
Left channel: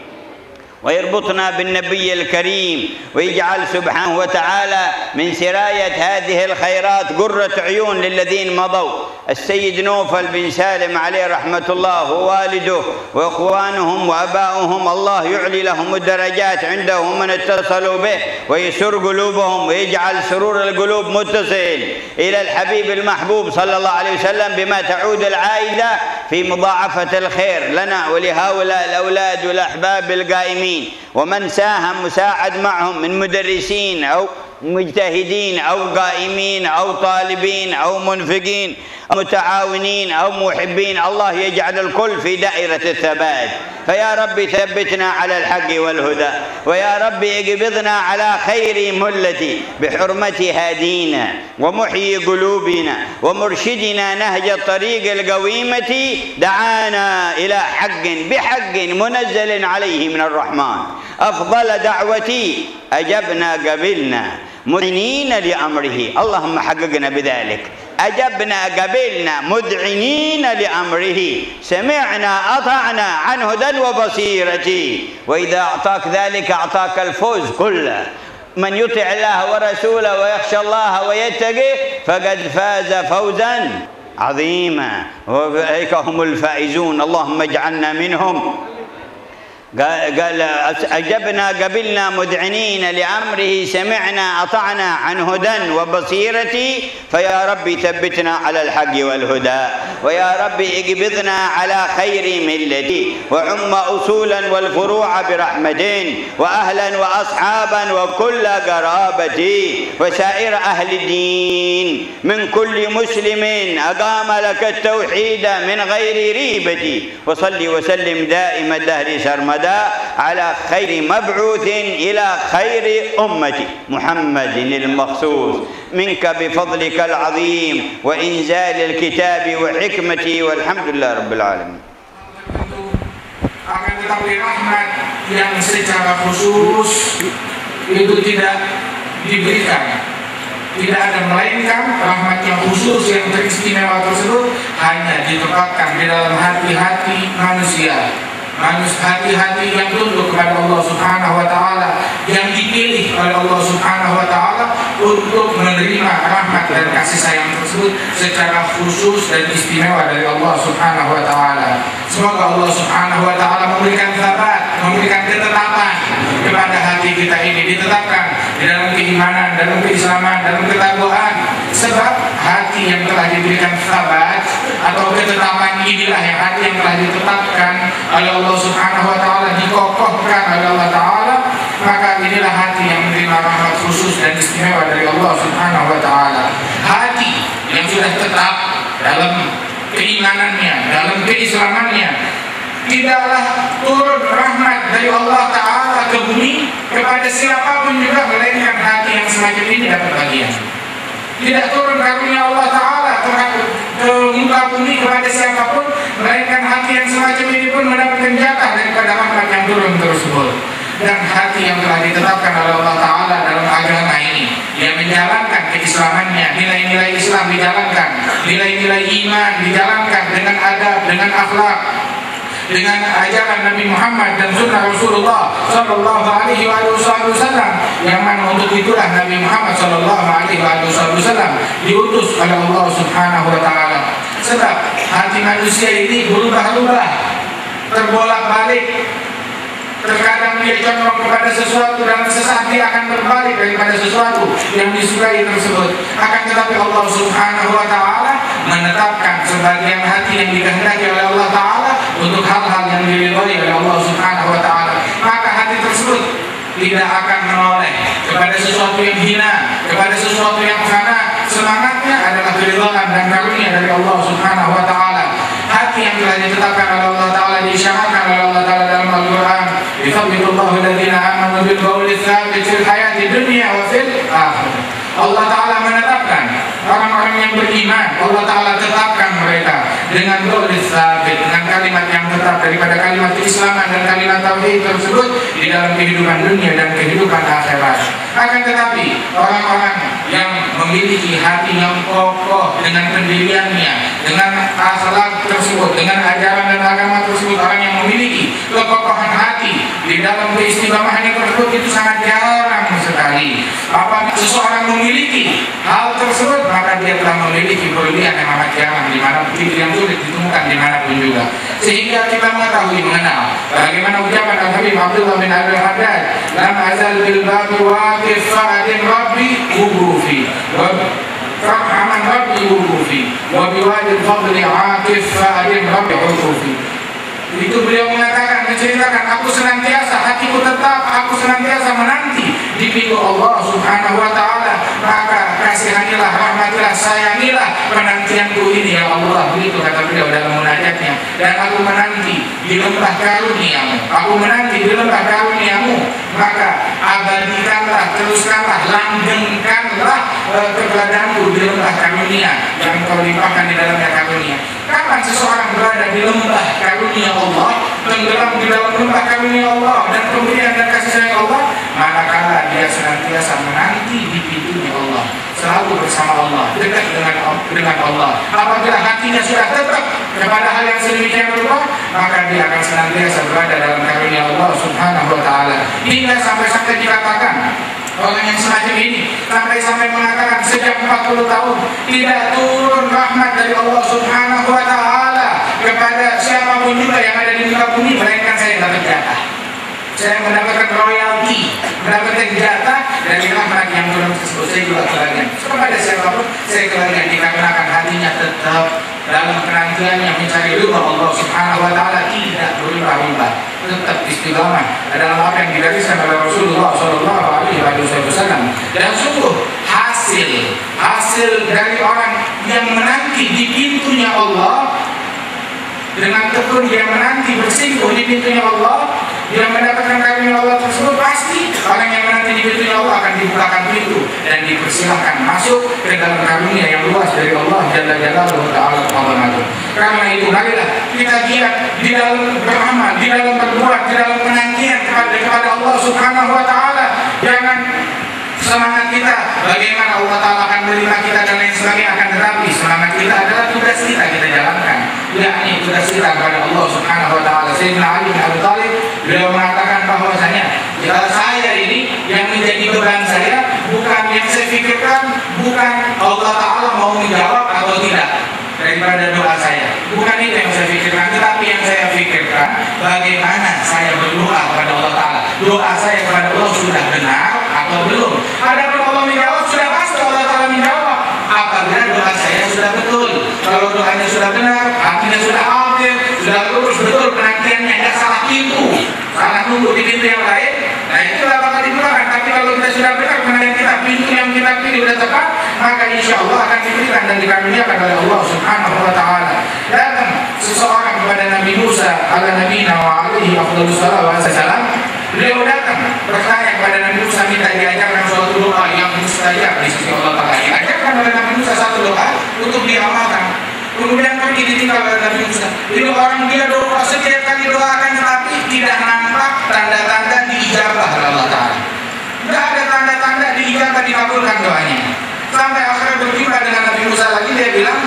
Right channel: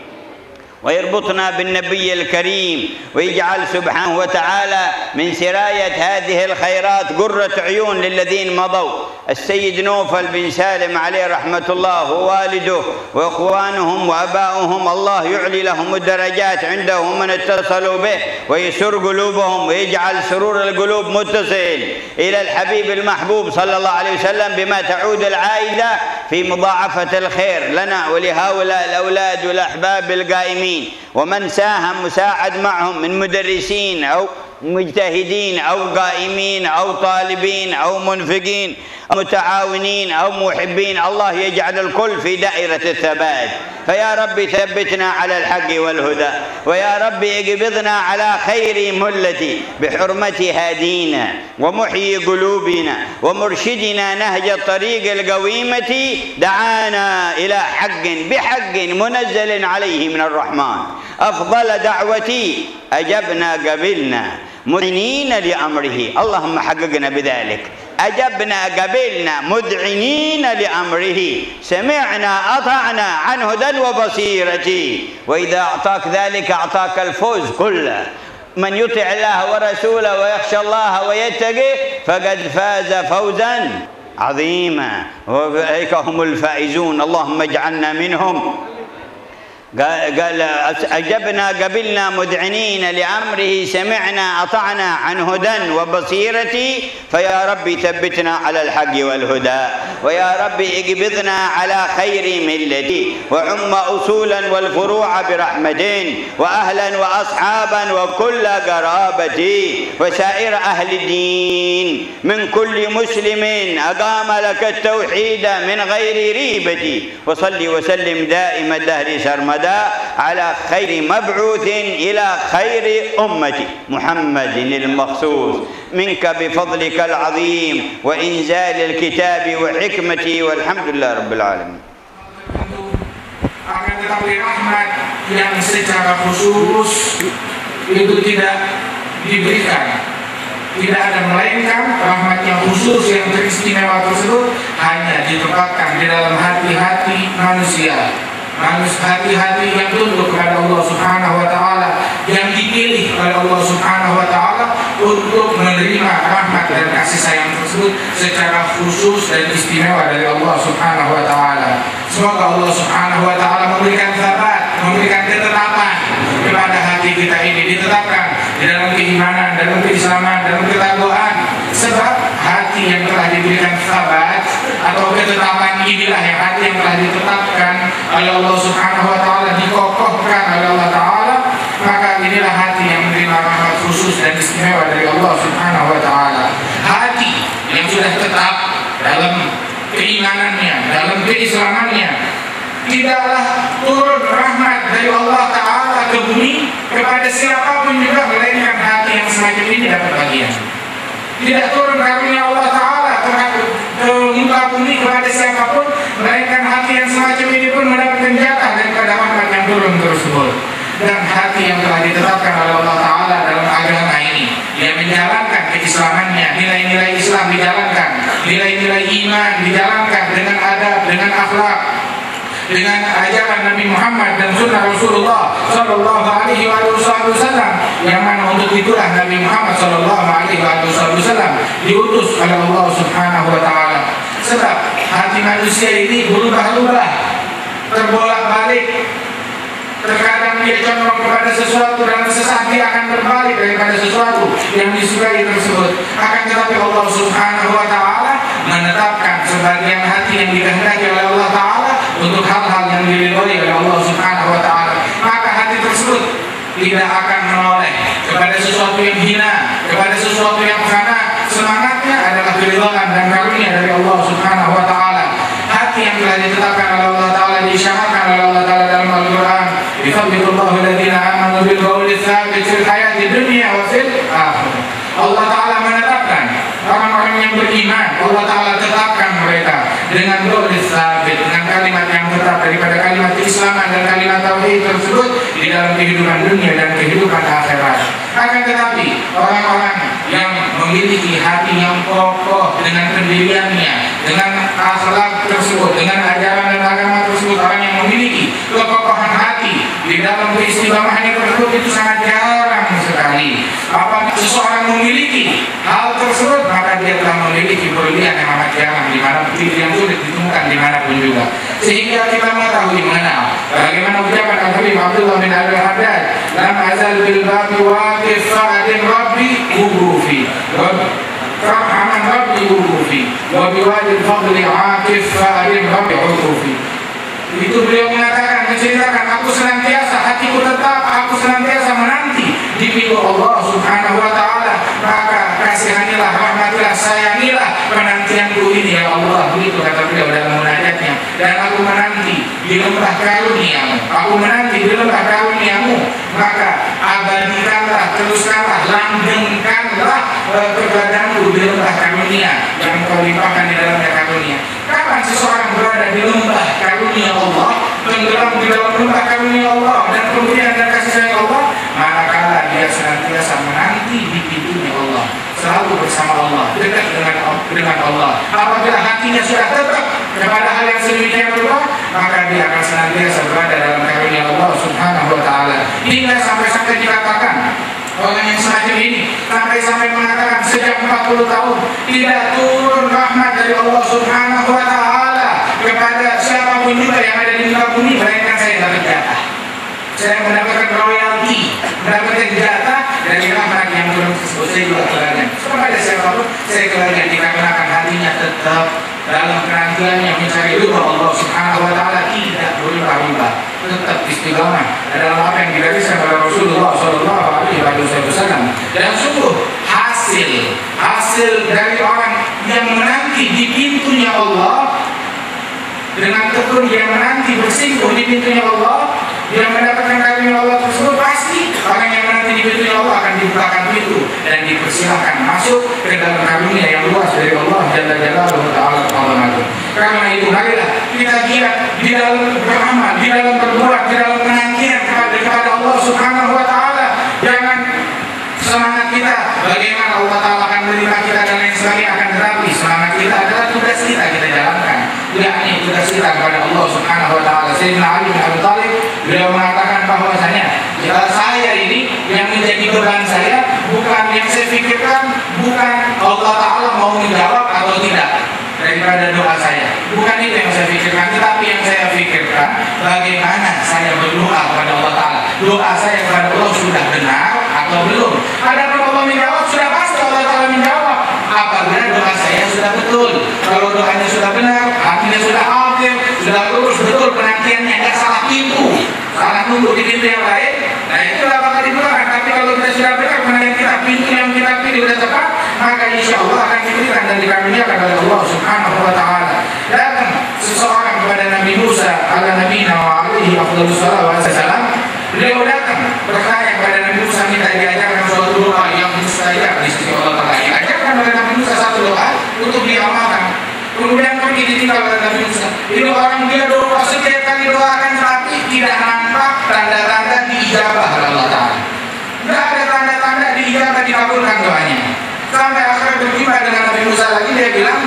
ويربطنا بالنبي الكريم، ويجعل سبحانه وتعالى من سراية هذه الخيرات قرة عيون للذين مضوا. السيد نوفل بن سالم عليه رحمة الله ووالده وإخوانهم وأباؤهم، الله يعلي لهم الدرجات عنده من اتصلوا به، ويسر قلوبهم ويجعل سرور القلوب متصل إلى الحبيب المحبوب صلى الله عليه وسلم، بما تعود العائدة في مضاعفة الخير لنا ولهؤلاء الأولاد والأحباب القائمين، ومن ساهم مساعد معهم من مدرسين أو مجتهدين أو قائمين أو طالبين أو منفقين أو متعاونين أو محبين. الله يجعل الكل في دائرة الثبات. فيا رب ثبتنا على الحق والهدى، ويا رب اقبضنا على خير ملتي بحرمة هادينا ومحيي قلوبنا ومرشدنا نهج الطريق القويمة، دعانا إلى حق بحق منزل عليه من الرحمن. أفضل دعوتي أجبنا قبلنا مذعنين لأمره، اللهم حققنا بذلك. أجبنا قبلنا مذعنين لأمره، سمعنا أطعنا عن هدى وبصيرة. وإذا أعطاك ذلك أعطاك الفوز كله. من يطع الله ورسوله ويخشى الله ويتقي فقد فاز فوزا عظيما، وأولئك هم الفائزون. اللهم اجعلنا منهم. قال أجبنا قبلنا مذعنين لأمره، سمعنا أطعنا عن هدى وبصيرة. فيا رب ثبتنا على الحق والهدى، ويا رب اقبضنا على خير ملتي، وعم أصولا والفروع برحمة، وأهلا وأصحابا وكل قرابتي، وسائر أهل الدين من كل مسلم أقام لك التوحيد من غير ريبة. وصلي وسلم دائم الدهر سرمدا على خير مبعوث إلى خير أمتي محمد المخصوص، منك بفضلك العظيم وإنزال الكتاب وحكمتي، والحمد لله رب العالمين. Akan tetapi rahmat yang secara khusus itu tidak diberikan, tidak ada, melainkan rahmat yang khusus yang teristimewa tersebut hanya ditempatkan di dalam hati-hati manusia, hati-hati yang tunduk kepada Allah Subhanahu wa Ta'ala, yang dipilih oleh Allah Subhanahu wa Ta'ala untuk menerima rahmat dan kasih sayang tersebut secara khusus dan istimewa dari Allah Subhanahu wa Ta'ala. Semoga Allah Subhanahu wa Ta'ala memberikan thabat, memberikan ketetapan kepada hati kita ini, ditetapkan di dalam keimanan, dalam keislaman, dalam ketakwaan, Sebab hati yang telah diberikan sabat atau ketetapan inilah yang hati yang telah ditetapkan oleh Allah Subhanahu wa taala, dikokohkan oleh Allah taala, maka inilah hati yang menerima rahmat khusus dan istimewa dari Allah Subhanahu wa taala. Hati yang sudah tetap dalam keimanannya, dalam keislamannya, tidaklah turun rahmat dari Allah taala ke bumi kepada siapapun juga melainkan hati yang semacam ini dapat bagian. Tidak turun karunia Allah taala ke muka bumi kepada siapapun melainkan hati yang semacam ini pun mendapatkan jatah daripada rahmat yang turun tersebut. Dan hati yang telah ditetapkan oleh Allah taala dalam agama ini, yang menjalankan keislamannya, nilai-nilai Islam dijalankan, nilai-nilai iman dijalankan dengan adab, dengan akhlak, dengan ajaran Nabi Muhammad dan sunnah Rasulullah Sallallahu Alaihi Wasallam, yang mana untuk itulah Nabi Muhammad Sallallahu Alaihi Wasallam diutus oleh Allah Subhanahu Wa Taala. Sebab hati manusia ini berubah-ubah, terbolak-balik. Terkadang dia condong kepada sesuatu dan sesaat dia akan berbalik daripada sesuatu yang disukai tersebut. Akan tetapi Allah Subhanahu Wa Taala menetapkan sebagian hati yang dikehendaki oleh Allah Taala untuk hal-hal yang diridhai oleh Allah Subhanahu Wa Taala. Maka hati tersebut tidak akan menoleh kepada sesuatu yang hina, kepada sesuatu yang fana. Semangatnya adalah keridhaan dan karunia dari Allah Subhanahu Wa Taala. Hati yang telah ditetapkan oleh Allah Taala, disyaratkan oleh Allah Taala dalam Al-Quran, "Yuthabbitullahu alladziina aamanu bil qawli tsabit fil hayati dunya wa fil akhirah." Allah Taala menetapkan orang-orang yang beriman, Allah Taala tetapkan mereka dengan qaul tsabit, dengan kalimat yang tetap daripada kalimat keislaman dan kalimat tauhid tersebut di dalam kehidupan dunia dan kehidupan akhirat. Akan tetapi orang-orang yang memiliki hati yang kokoh dengan pendiriannya, dengan akhlak tersebut, dengan ajaran dan agama tersebut, orang yang memiliki kekokohan hati di dalam keistiqomahannya tersebut itu sangat jarang sekali. Apabila seseorang memiliki hal tersebut, maka dia telah memiliki berlian yang amat jarang, di mana yang sulit ditemukan dimanapun juga. Sehingga kita mengetahui, mengenal bagaimana ucapan Al-Habib Abdullah bin Abdul Haddad, "Lam azal bil babi waqif fa'adim rabbi ubufi wa farhaman rabbi ubufi wa biwadil fadli aqif fa'adim rabbi ubufi." Itu beliau mengatakan, menceritakan, aku senantiasa, hatiku tetap, aku senantiasa menanti di pintu Allah Subhanahu Wa Taala, maka kasihanilah, rahmatilah, sayangilah penantianku ini ya Allah. Begitu kata beliau dalam munajatnya. Dan aku menanti di lembah karuniamu, aku menanti di lembah karuniamu, maka abadikanlah, teruskanlah, langgengkanlah keberadaanku di lembah karunia yang kau limpahkan di dalamnya karunia. Kapan seseorang berada di lembah karunia Allah, tenggelam di dalam lembah karunia Allah dan pemberian dan kasih sayang Allah, manakala dia senantiasa menanti di pintunya Allah, selalu bersama Allah, dekat dengan Allah. Apabila hatinya sudah tetap kepada hal yang sedemikian rupa, maka dia akan senantiasa berada dalam karunia Allah Subhanahu Wa Taala. Hingga sampai dikatakan orang yang semacam ini sampai mengatakan sejak 40 tahun tidak turun rahmat dari Allah Subhanahu Wa Taala kepada siapapun juga yang ada di muka bumi, melainkan saya dapat jatah. Saya mendapatkan royalti, mendapatkan jatah dari rahmat yang turun tersebut. Saya juga kebagian. Kepada siapapun saya kebagian, dikarenakan hatinya tetap dalam penantiannya mencari ridha Allah Subhanahu Wa Taala, tidak berubah-ubah, tetap istiqamah dalam apa yang digariskan oleh Rasulullah Sallallahu Alaihi Wasallam. Dan sungguh hasil dari orang yang menanti di pintunya Allah, dengan tekun dia menanti bersinggung di pintunya Allah, dia mendapatkan karunia Allah tersebut, pasti orang yang menanti di pintunya Allah akan dibukakan pintu dan dipersilahkan masuk ke dalam karunia yang luas dari Allah Jalla Jalaluhu Ta'ala Ta'ala. Karena itu marilah kita giat di dalam beramal, di dalam berbuat, di dalam penantian kepada Allah Subhanahu Wa Ta'ala. Jangan semangat kita bagaimana Allah Ta'ala akan menerima kita dan lain sebagainya, akan tetapi semangat kita adalah tugas kita jalankan, yakni tugas kita kepada Allah Subhanahu Wa Ta'ala. Sayyidina Ali bin Abi Thalib beliau mengatakan bahwasanya saya ini yang menjadi beban saya bukan yang saya pikirkan, bukan Allah Ta'ala mau menjawab atau tidak daripada doa saya, bukan itu yang saya pikirkan, tetapi yang saya pikirkan bagaimana saya berdoa kepada Allah Ta'ala, doa saya kepada Allah sudah benar atau belum. Adapun Allah menjawab, sudah pasti Allah Ta'ala menjawab. Apa sudah betul, kalau doanya sudah benar, hatinya sudah hadir, sudah lurus betul penantiannya, tidak salah pintu, salah nunggu di pintu yang lain. Nah itulah bakal dibukakan. Tapi kalau kita sudah benar penantian kita, pintu yang kita pilih sudah tepat, maka insya Allah akan diberikan dan dikaruniakan oleh Allah Subhanahu Wa Taala. Datang seseorang kepada Nabi Musa ala nabiyina wa alaihi afdhalus salawat wassalam. Beliau datang bertanya kepada Nabi Musa, minta diajarkan suatu doa yang mustajab di sisi Allah Taala. Diajarkan oleh Nabi Musa satu doa untuk diamalkan. Kemudian pergi ditinggal oleh Nabi Musa. Ini orang dia doa setiap kali doakan tetapi tidak nampak tanda-tanda diijabah oleh Allah Taala. Tidak ada tanda-tanda diijabah dikabulkan doanya. Sampai akhirnya berjumpa dengan Nabi Musa lagi, dia bilang,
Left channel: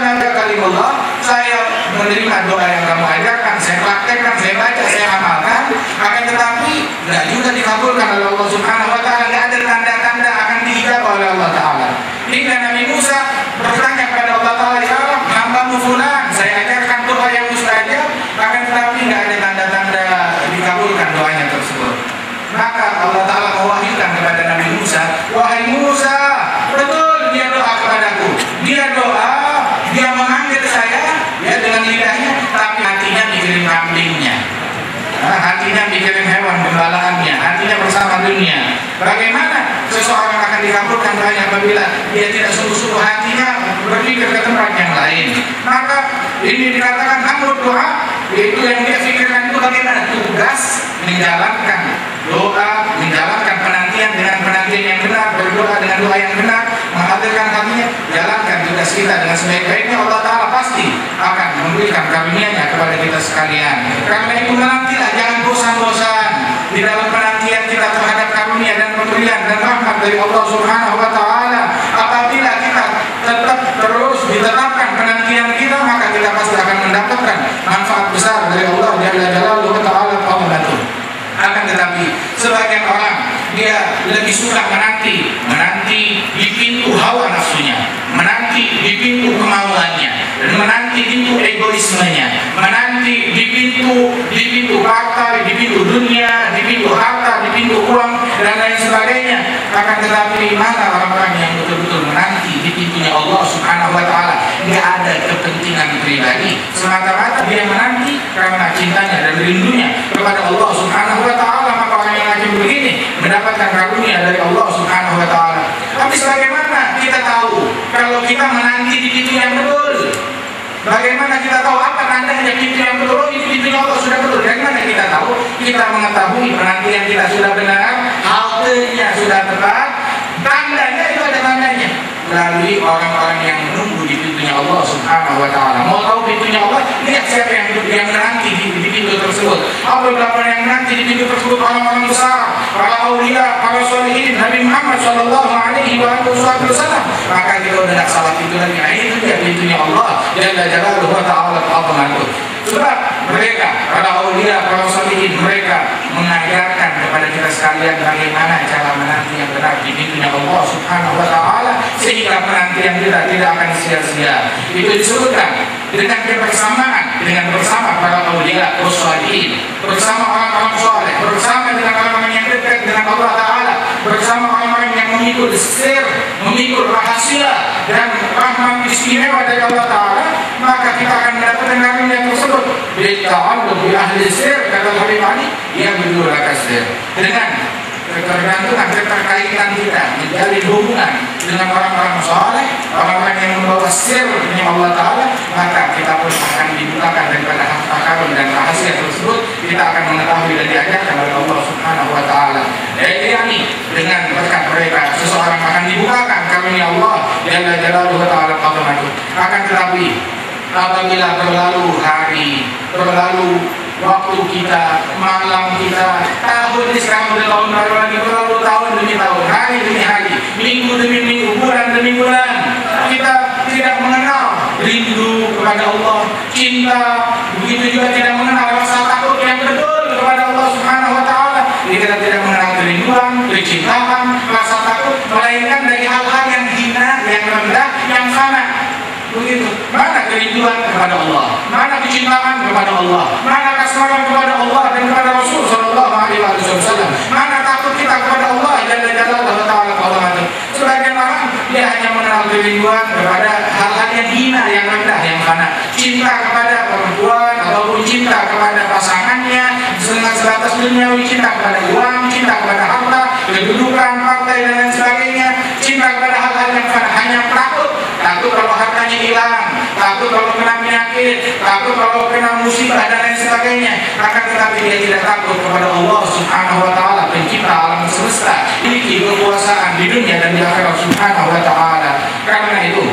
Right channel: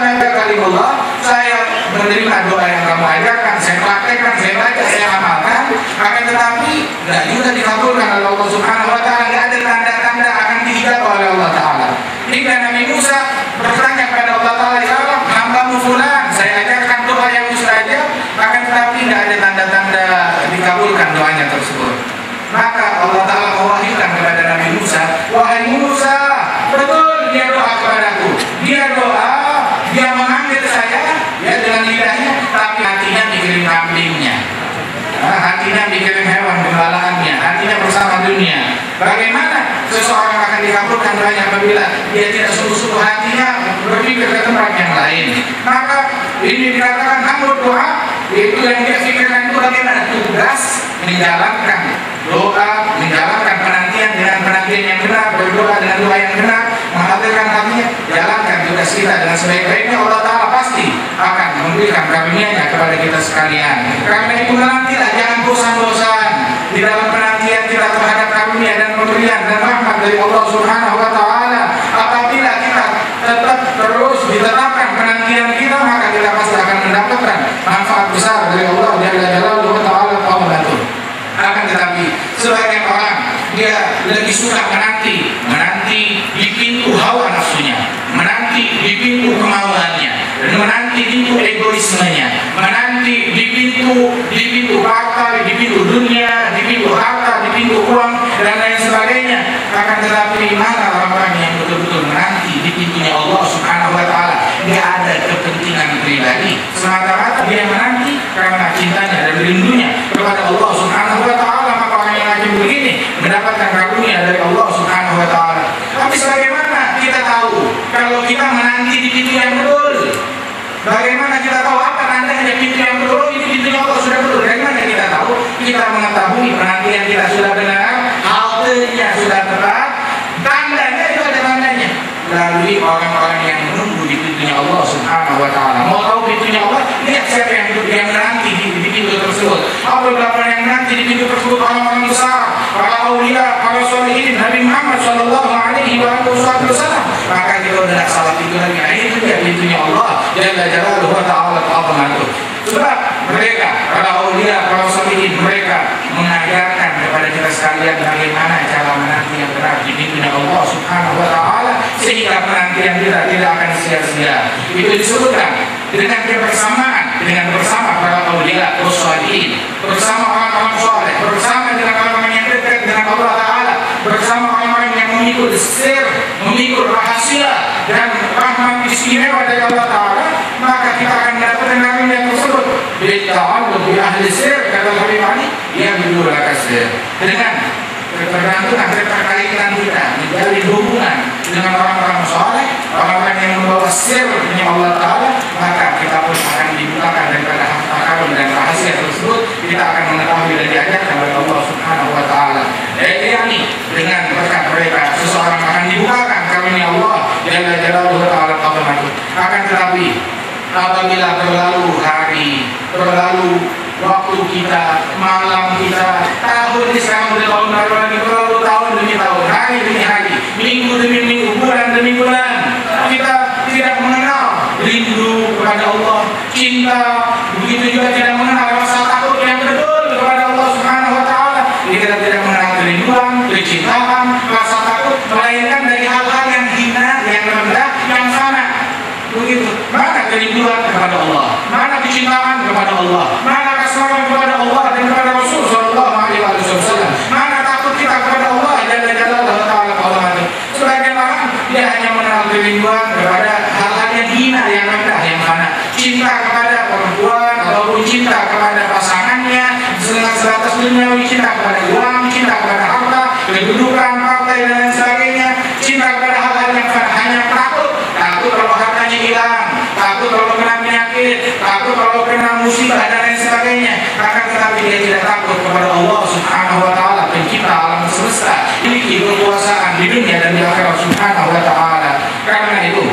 Nabi Kalimullah, saya menerima doa yang kamu ajarkan, saya praktekkan, saya baca, saya amalkan, akan tetapi tidak juga dikabulkan oleh Allah Subhanahu Wa Taala. Tidak ada tanda-tanda akan diijabah oleh Allah Taala. Hingga Nabi Musa bertanya kepada Allah Taala, ya Allah, hambamu fulan, saya ajarkan doa yang mustajab, akan tetapi tidak ada tanda-tanda dikabulkan doanya tersebut. Maka Allah Taala mewahyukan kepada Nabi Musa, wahai Musa, betul dia doa kepadaku, dia doa, dia memanggil saya, ya dengan lidahnya, tapi hatinya mikirin kambingnya, hatinya mikirin hewan gembalaannya, hatinya bersama dunia. Bagaimana seseorang akan dikabulkan doanya apabila dia tidak sungguh-sungguh hatinya berpikir ke tempat yang lain? Maka ini dikatakan amrul doa, yaitu yang dia pikirkan itu bagaimana tugas menjalankan doa, menjalankan penantian dengan penantian yang benar, berdoa dengan doa yang benar, menghadirkan hatinya, jalankan tugas kita dengan sebaik-baiknya. Allah Ta'ala pasti akan memberikan karunia-Nya kepada kita sekalian. Karena itu menantilah, jangan bosan-bosan di dalam penantian kita terhadap karunia dan pemberian dan rahmat dari Allah Subhanahu Wa Ta'ala. Apabila kita tetap terus ditetapkan penantian kita, maka kita pasti akan mendapatkan manfaat besar dari Allah Jalla Jalaluhu Ta'ala. Akan tetapi sebagian orang dia lebih suka menanti di pintu hawa nafsunya, menanti di pintu kemauannya, dan menanti di pintu egoismenya, menanti di pintu partai, di pintu dunia, di pintu harta, di pintu uang dan lain sebagainya. Akan tetapi mana orang-orang yang betul-betul menanti di pintunya Allah Subhanahu Wa Taala? Dia ada kepentingan pribadi, semata-mata dia menanti karena cintanya dan rindunya kepada Allah Subhanahu Wa Taala. Maka orang yang lagi begini mendapatkan karunia dari Allah Subhanahu Wa Taala. Tapi sebagaimana kita tahu kalau kita menanti di pintu yang betul? Bagaimana kita tahu apa tandanya pintu yang betul? Ini pintunya Allah sudah betul. Dari mana kita tahu? Kita mengetahui penantian kita sudah benar, haltenya sudah tepat. Tandanya itu ada tandanya melalui orang-orang yang menunggu di pintunya Allah Subhanahu Wa Taala. Mau tahu pintunya Allah? Lihat siapa yang menanti di pintu tersebut. Beberapa yang menanti di pintu tersebut orang-orang besar, para aulia, para sholihin, Nabi Muhammad Shallallahu Alaihi Wasallam. Maka kita udah salah pintu lagi. Nah itu dia pintunya Allah Jalla Jalaluhu Ta'ala. Sebab mereka, para aulia, para sholihin, mereka mengajarkan kepada kita sekalian bagaimana cara menanti yang benar di pintunya Allah Subhanahu Wa Taala, sehingga penantian kita tidak akan sia-sia. Itu disebutkan dengan kebersamaan, dengan bersama para aulia, para sholihin, bersama orang-orang soleh, bersama dengan orang-orang yang dekat dengan Allah Taala, bersama orang-orang yang mengikut sir, mengikut rahasia dan rahmat istimewa dari Allah Taala, maka kita akan mendapatkan karunia tersebut. Bitta'alluq bi ahli sir, kata Habib Ali, yang berdua kasir. Dengan ketergantungan, keterkaitan kita menjalin hubungan dengan orang-orang soleh, orang-orang yang membawa sirnya Allah Ta'ala, maka kita pun akan dibukakan daripada harta karun dan rahasia tersebut. Kita akan mengetahui dan diajarkan oleh Allah Subhanahu Wa Ta'ala. Yani dengan berkat mereka seseorang akan dibukakan karunia Allah Jalla Jalaluhu Ta'ala. Akan tetapi apabila berlalu hari, berlalu waktu kita, malam kita, tahun ini sekarang udah tahun baru lagi, berlalu tahun demi tahun, hari demi hari, minggu demi minggu, bulan demi bulan, kita tidak mengenal rindu kepada Allah, cinta, begitu juga tidak mengenal rasa takut yang betul kepada Allah Subhanahu Wa Taala. Kita tidak mengenal kerinduan, kecintaan, rasa takut, melainkan dari hal-hal yang hina, yang rendah, yang fana. Begitu. Mana kerinduan kepada Allah? Mana kecintaan kepada Allah? Mana kasmaran kepada Allah dan kepada Rasul Sallallahu Alaihi Wasallam? Mana takut kita kepada Allah Jalla Jalaluhu Ta'ala? Sebagian orang dia hanya mengenal kerinduan kepada hal duniawi, cinta kepada uang, cinta kepada harta, kedudukan, partai dan lain sebagainya, cinta kepada hal-hal yang hanya takut kalau hartanya hilang, takut kalau kena penyakit, takut kalau kena musibah dan lain sebagainya. Akan tetapi dia tidak takut kepada Allah Subhanahu wa taala, pencipta alam semesta, memiliki kekuasaan di dunia dan di akhirat Subhanahu wa taala. Karena itu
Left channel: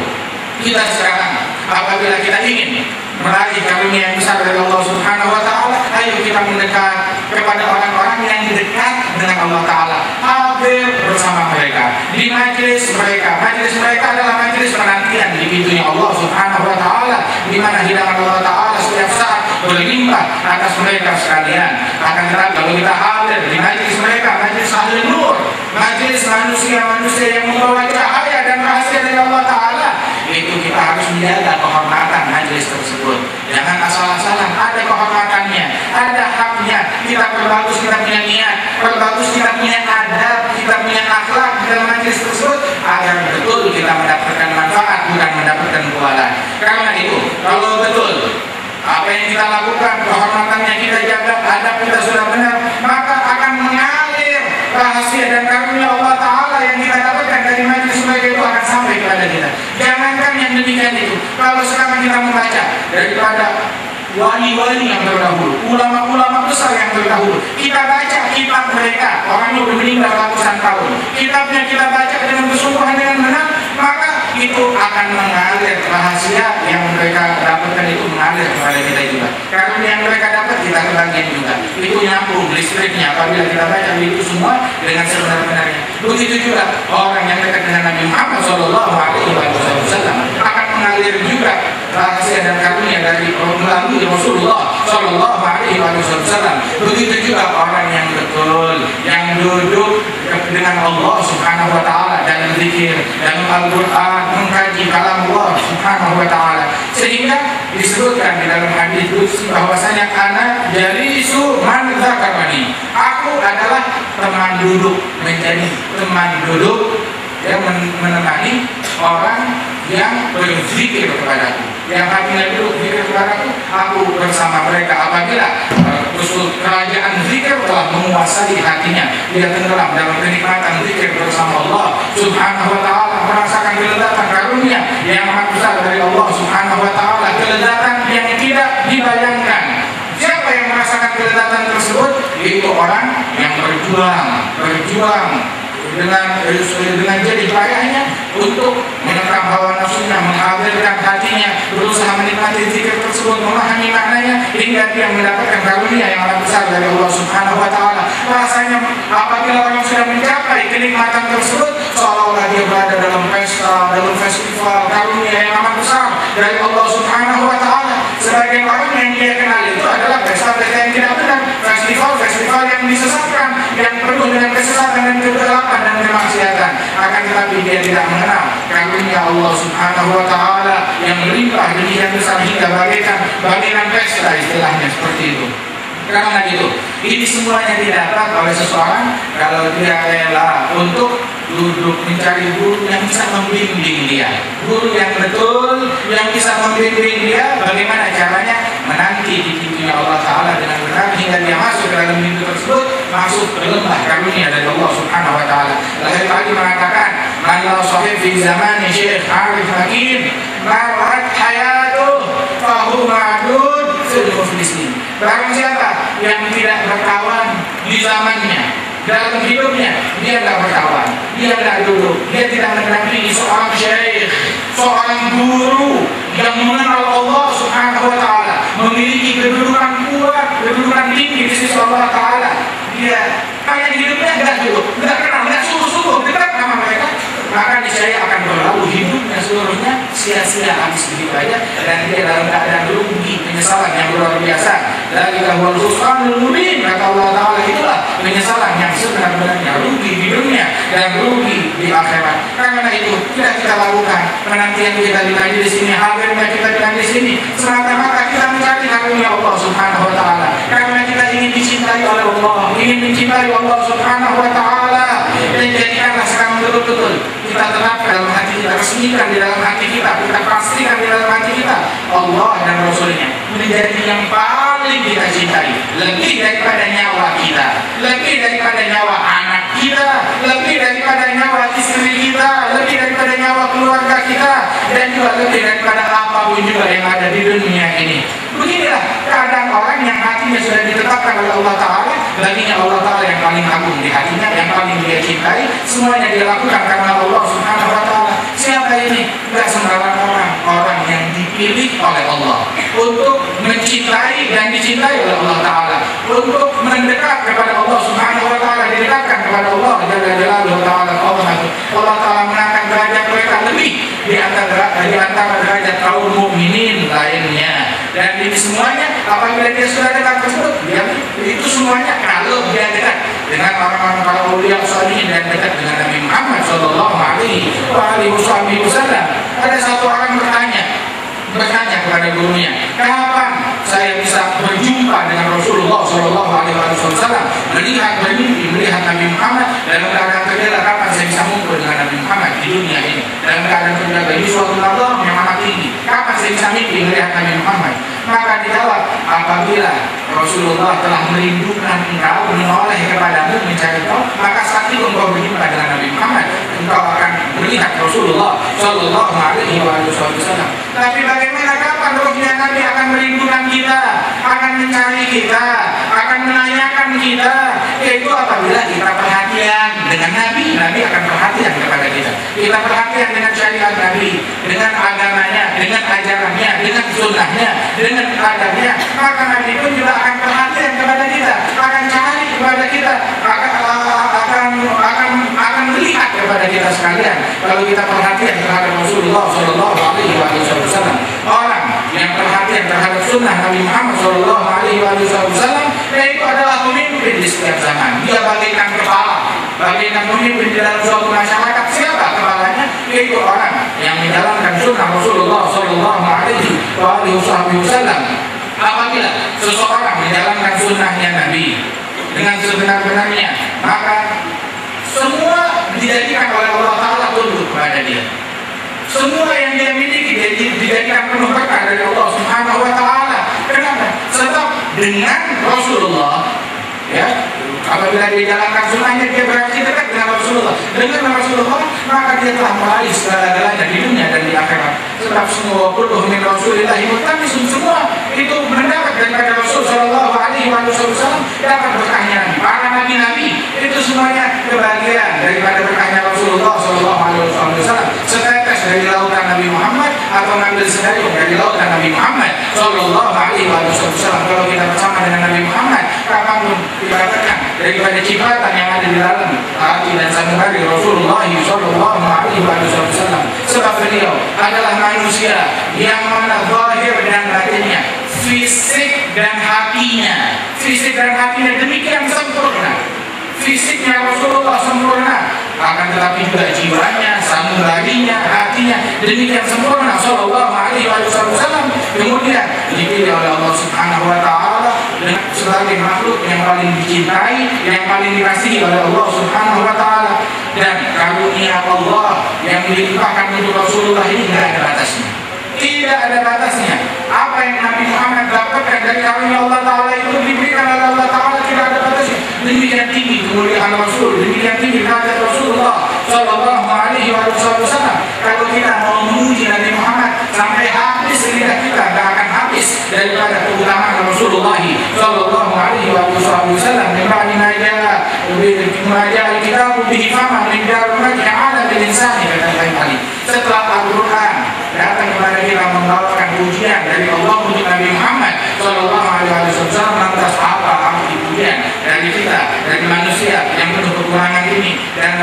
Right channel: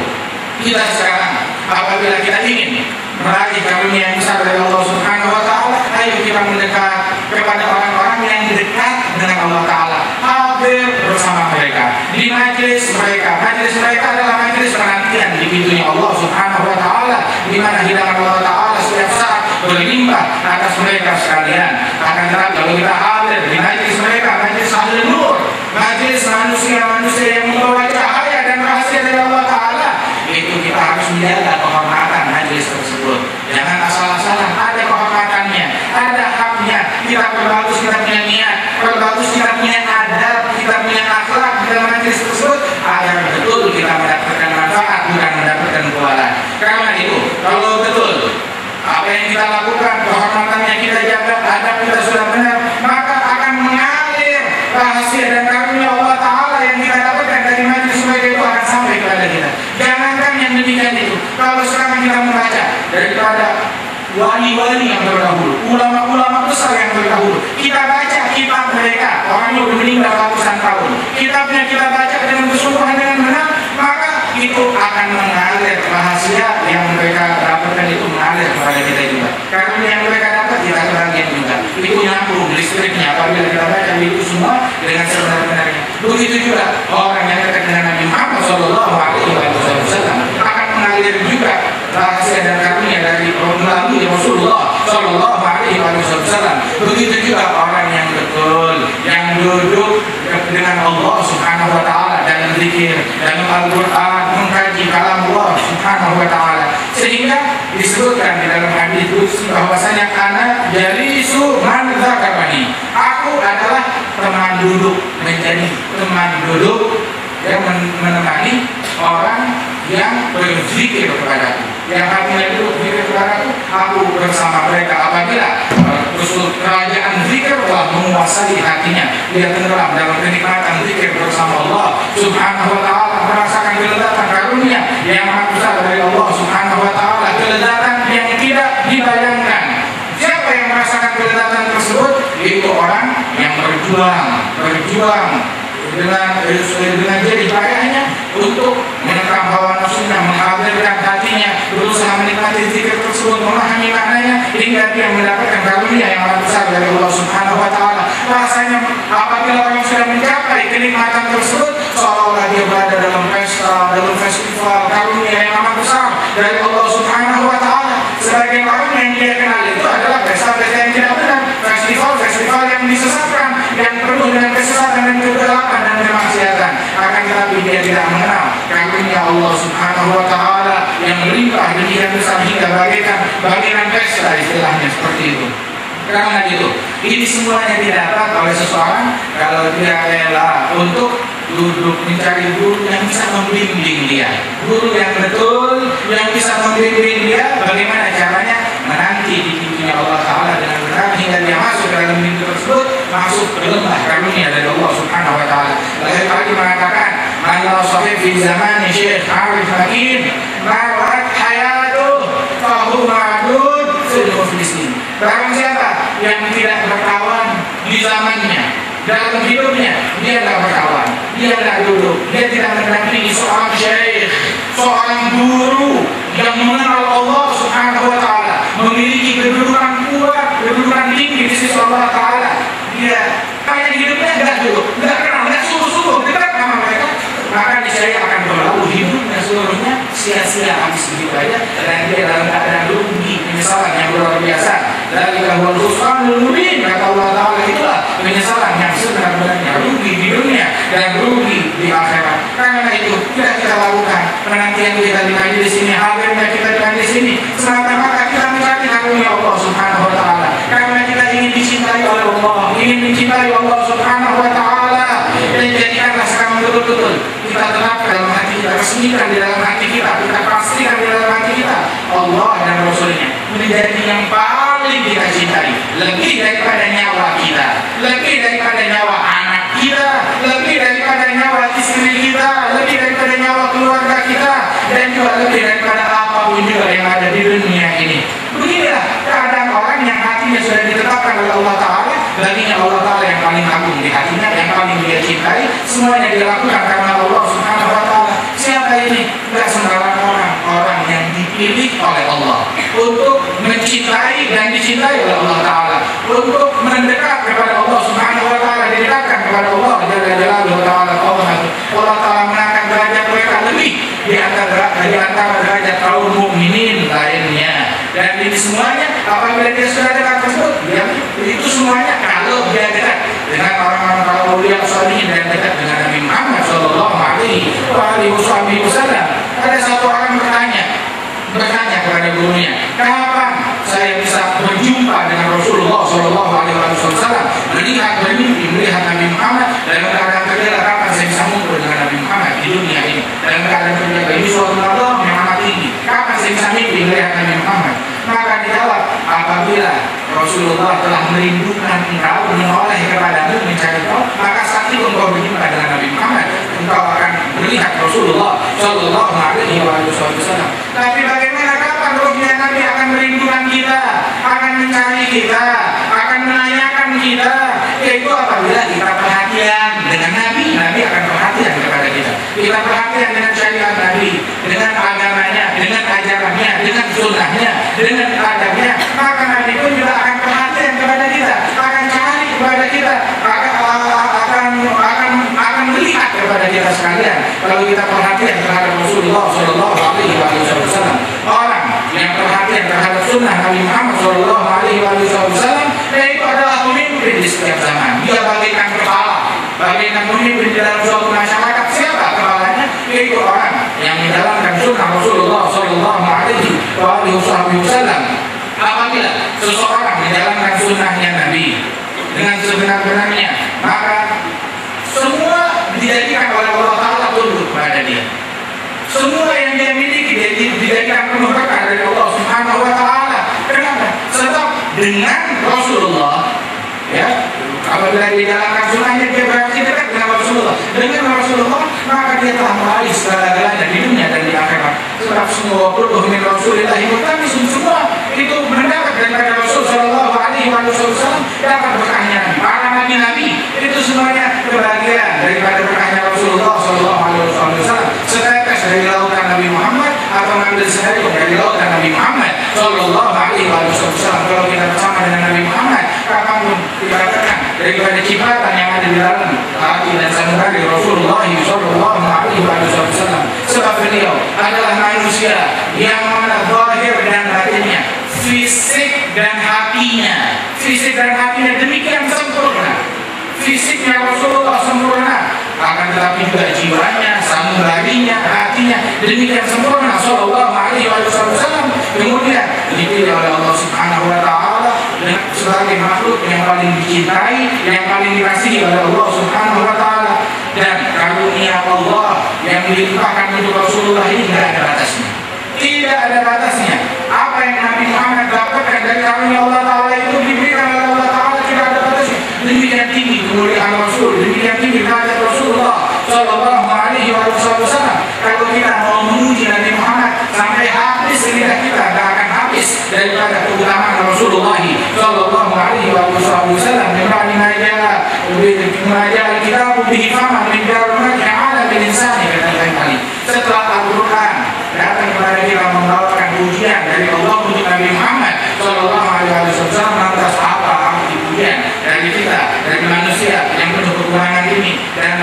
kita sekarang apabila kita ingin meraih karunia yang besar dari Allah Subhanahu wa taala, ayo kita mendekat kepada orang-orang yang dekat dengan Allah taala, hadir bersama mereka di majelis mereka. Majelis mereka adalah majelis penantian di pintunya Allah Subhanahu wa taala, di mana hidangan Allah taala setiap saat berlimpah atas mereka sekalian. Akan tetapi kalau kita hadir di majelis mereka, majelis ahli nur, majelis manusia-manusia yang membawa cahaya dan rahasia dari Allah taala, itu kita harus menjaga kehormatan majelis tersebut. Jangan asal-asalan, ada kehormatannya, ada haknya. Kita perbagus, kita punya niat, perbagus, kita punya adab, kita punya akhlak di dalam majelis tersebut, agar betul kita mendapatkan manfaat, bukan mendapatkan kewalan. Karena itu, kalau betul apa yang kita lakukan, kehormatannya kita jaga, adab kita sudah benar, maka akan mengalir rahasia dan karunia Allah taala yang kita dapatkan dari majelis mereka itu akan sampai kepada kita. Jangankan yang demikian itu, kalau sekarang kita membaca daripada wali-wali yang terdahulu, ulama-ulama besar yang terdahulu, kita baca kitab mereka, orang yang meninggal ratusan tahun, kitabnya kita baca dengan kesungguhan, dengan benar, maka itu akan mengalir rahasia yang mereka dapatkan, itu mengalir kepada kita juga. Karena yang mereka dapat kita kebagian juga. Itu nyambung listriknya apabila kita baca itu semua dengan sebenar-benarnya. Begitu juga orang yang dekat dengan Nabi Muhammad SAW akan mengalir juga rahasia dan karunia dari melalui Rasulullah SAW. Begitu juga orang yang betul, yang duduk dengan Allah Subhanahu wa taala dalam zikir, dalam Al-Qur'an, mengkaji kalam Allah Subhanahu wa taala. Sehingga disebutkan di dalam hadis qudsi bahwasanya ana jalisu man dzakarani. Aku adalah teman duduk, menjadi teman duduk yang menemani orang yang berzikir kepadaku, yang hatinya duduk zikir kepadaku, aku bersama mereka. Apabila kerajaan zikir telah menguasai hatinya, dia tenggelam dalam kenikmatan zikir bersama Allah Subhanahu wa taala, merasakan kelezatan karunia yang amat besar dari Allah Subhanahu wa taala, kelezatan yang tidak dibayangkan. Siapa yang merasakan kelezatan tersebut? Itu orang yang berjuang dengan jadi payahnya untuk menentang hawa nafsunya, menghadirkan hatinya, berusaha menikmati zikir tersebut, memahami maknanya, hingga dia mendapatkan karunia yang amat besar dari Allah Subhanahu wa taala. Rasanya apabila orang sudah mencapai kenikmatan tersebut, seolah-olah dia berada dalam pesta, dalam festival karunia yang amat besar dari Allah Subhanahu wa taala. Sebagian orang yang dia kenal itu adalah pesta-pesta yang tidak benar, festival yang disesatkan, yang penuh dengan kesesatan dan kegelapan dan kemaksiatan. Akan tetapi dia tidak mengenal karunia Allah Subhanahu wa taala yang melimpah demikian besar hingga bagaikan pesta, istilahnya seperti itu. Karena itu, ini semuanya didapat oleh seseorang kalau dia rela untuk duduk mencari guru yang bisa membimbing dia, guru yang betul, yang bisa membimbing dia bagaimana caranya menanti di pintunya Allah Ta'ala dengan benar, hingga dia masuk ke dalam pintu tersebut, masuk ke lembah karunia dari Allah Subhanahu wa Ta'ala. Lahir tadi mengatakan, man la sahib fi zamani Syekh Arif Hakim marat hayatuh fahu ma'dud fil muflisin. Barang siapa yang tidak berkawan di zamannya, dalam hidupnya dia tidak berkawan, dia tidak duduk, dia tidak mendampingi seorang syekh, seorang guru yang mengenal Allah Subhanahu wa taala, memiliki kedudukan kuat, kedudukan tinggi di sisi Allah taala. Dia kayak hidupnya tidak duduk, tidak kenal, tidak sungguh-sungguh dekat sama mereka, maka niscaya akan berlalu hidupnya seluruhnya sia-sia habis begitu aja, dan dia dalam keadaan rugi, penyesalan yang luar biasa. Dari kahwal khusranul mubin, kata Allah Ta'ala, itulah penyesalan yang sebenarnya, rugi di dunia dan rugi di akhirat. Karena itu tidak kita lakukan penantian kita di majelis ini, hadirnya kita di majelis ini semata-mata kita mencari karunia Allah Subhanahu wa taala, karena kita ingin dicintai oleh Allah, ingin mencintai Allah Subhanahu wa taala. Dan jadikanlah sekarang betul-betul kita terapkan dalam hati kita, resmikan di dalam hati kita pastikan di dalam hati kita, Allah dan Rasulnya menjadi yang paling kita cintai, lebih daripada nyawa kita, lebih daripada nyawa anak kita, lebih daripada nyawa istri kita, lebih daripada nyawa keluarga kita, dan juga lebih daripada apapun juga yang ada di dunia ini. Beginilah keadaan orang yang hatinya sudah ditetapkan oleh Allah Ta'ala, baginya Allah Ta'ala yang paling agung di hatinya, yang paling dia cintai, semuanya dia lakukan karena Allah Subhanahu Wa Ta'ala. Siapa ini? Tidak sembarang orang yang dipilih oleh Allah untuk mencintai dan dicintai oleh Allah Ta'ala, untuk mendekat kepada Allah Subhanahu Wa Ta'ala, didekatkan kepada Allah Jalla Ta'ala. Allah Ta'ala mengangkat derajat mereka lebih di antara derajat kaum mukminin lainnya. Dan ini semuanya apabila dia sudah dekat tersebut, itu semuanya kalau dia dekat dengan orang-orang para ulama salihin dan dekat dengan Nabi Muhammad Sallallahu Alaihi Wasallam. Ada satu orang bertanya kepada gurunya, kapan saya bisa berjumpa dengan Rasulullah Sallallahu Alaihi Wasallam, melihat Nabi Muhammad dalam keadaan terjaga? Kapan saya bisa mengumpul dengan Nabi Muhammad di dunia ini dalam keadaan terjaga? Ini suatu Allah yang amat tinggi. Kapan saya bisa mimpi melihat Nabi Muhammad? Maka dijawab, apabila Rasulullah telah merindukan engkau, menoleh kepadamu, mencari kau, maka saat itu engkau berjumpa dengan Nabi Muhammad, engkau akan melihat Rasulullah Sallallahu Alaihi Wasallam. Tapi bagaimana kapan rohnya Nabi akan merindukan kita, akan mencari kita, akan menanyakan kita? Yaitu apabila kita perhatian dengan Nabi, Nabi akan perhatian kepada kita. Kita perhatian dengan syariat Nabi, dengan agamanya, dengan ajarannya, dengan sunnahnya, dengan adabnya, maka Nabi pun juga akan perhatian kepada kita, akan cari kepada kita, akan melihat kepada kita sekalian. Kalau kita perhatian terhadap Rasulullah Sallallahu Alaihi Wasallam, orang yang perhatian terhadap sunnah Nabi Muhammad Sallallahu Alaihi Wasallam, yaitu adalah pemimpin di setiap zaman. Dia bagaikan kepala, bagaikan pemimpin di dalam suatu masyarakat. Siapa kepalanya? Yaitu orang yang menjalankan sunnah Rasulullah Sallallahu Alaihi Wasallam. Apabila seseorang menjalankan sunnahnya Nabi dengan sebenar-benarnya, maka semua dijadikan oleh Allah Ta'ala tunduk kepada dia. Semua yang dia miliki dijadikan penuh berkah dari Allah Subhanahu Wa Ta'ala. Kenapa? Sebab dengan Rasulullah, ya, apabila dia jalankan sunnahnya, dia berarti dekat dengan Rasulullah. Dengan Rasulullah, maka dia telah meraih segala-galanya di dunia dan di akhirat. Sebab semua kulluh min Rasulillah mutamisun, semua itu mendapat daripada Rasul Sallallahu Alaihi Wasallam, dapat berkahnya para nabi-nabi. Itu semuanya kebahagiaan daripada berkahnya Rasulullah Sallallahu Alaihi Wasallam. Setetes dari lautan Nabi Muhammad atau ngambil sedayung dari lautan Nabi Muhammad Sallallahu Alaihi Wasallam. Kalau kita bersama dengan Nabi Muhammad, kapanpun dikatakan daripada cipratan yang ada di dalam hati dan sanubari Rasulullah Sallallahu Alaihi Wasallam. Sebab beliau adalah manusia yang mana zahir dan batinnya, fisik dan hatinya demikian sempurna. Fisiknya Rasulullah sempurna, akan tetapi juga jiwanya, sanubarinya, hatinya demikian sempurna Sallallahu Alaihi Wasallam. Kemudian dipilih oleh Allah Subhanahu Wa Ta'ala sebagai makhluk yang paling dicintai, yang paling dikasihi oleh Allah Subhanahu Wa Ta'ala. Dan karunia Allah yang dilimpahkan untuk Rasulullah ini tidak ada batasnya. Tidak ada batasnya. Apa yang Nabi Muhammad dapatkan dari karunia Allah Ta'ala itu diberikan oleh Allah Ta'ala, tidak ada batasnya. Demikian tinggi kemuliaan Rasul, demikian tinggi derajat Rasulullah Sallallahu Alaihi Wasallam. Kalau kita mau memuji Nabi Muhammad sampai habis lidah kita, tidak akan habis daripada keutamaan Rasulullah Sallallahu Alaihi Wasallam. Dibanding mengajar kita bihi fama min darumati ala bil insani kali. Setelah Al-Quran datang kepada kita membawakan pujian dari Allah untuk Nabi Muhammad Sallallahu Alaihi Wasallam, lantas apa arti pujian dari kita, dari manusia yang penuh kekurangan ini dan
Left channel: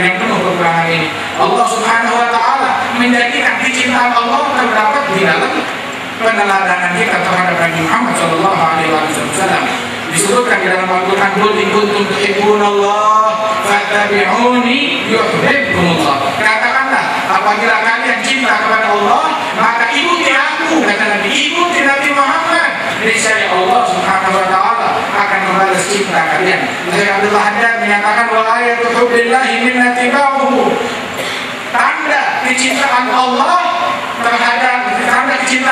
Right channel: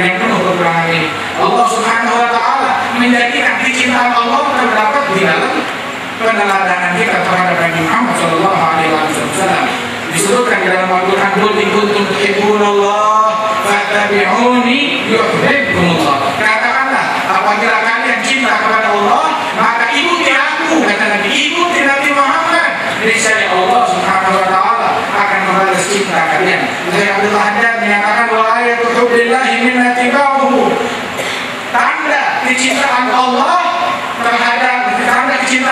yang penuh kekurangan ini? Allah Subhanahu Wa Ta'ala menjadikan kecintaan Allah terdapat di dalam peneladanan kita terhadap Nabi Muhammad Sallallahu Alaihi Wasallam. Disebutkan di dalam Al-Quran, qul in kuntum tuhibbunallah fattabi'uni yuhibbukumullah. Katakanlah, apabila kalian cinta kepada Allah, maka ikuti aku, kata Nabi, ikuti Nabi Muhammad. Niscaya Allah Subhanahu Wa Ta'ala akan membalas cinta kalian. Syekh Abdullah Haddad menyatakan, wa ayatu hubbillahi min tibauhu, tanda kecintaan Allah terhadap, tanda kecintaan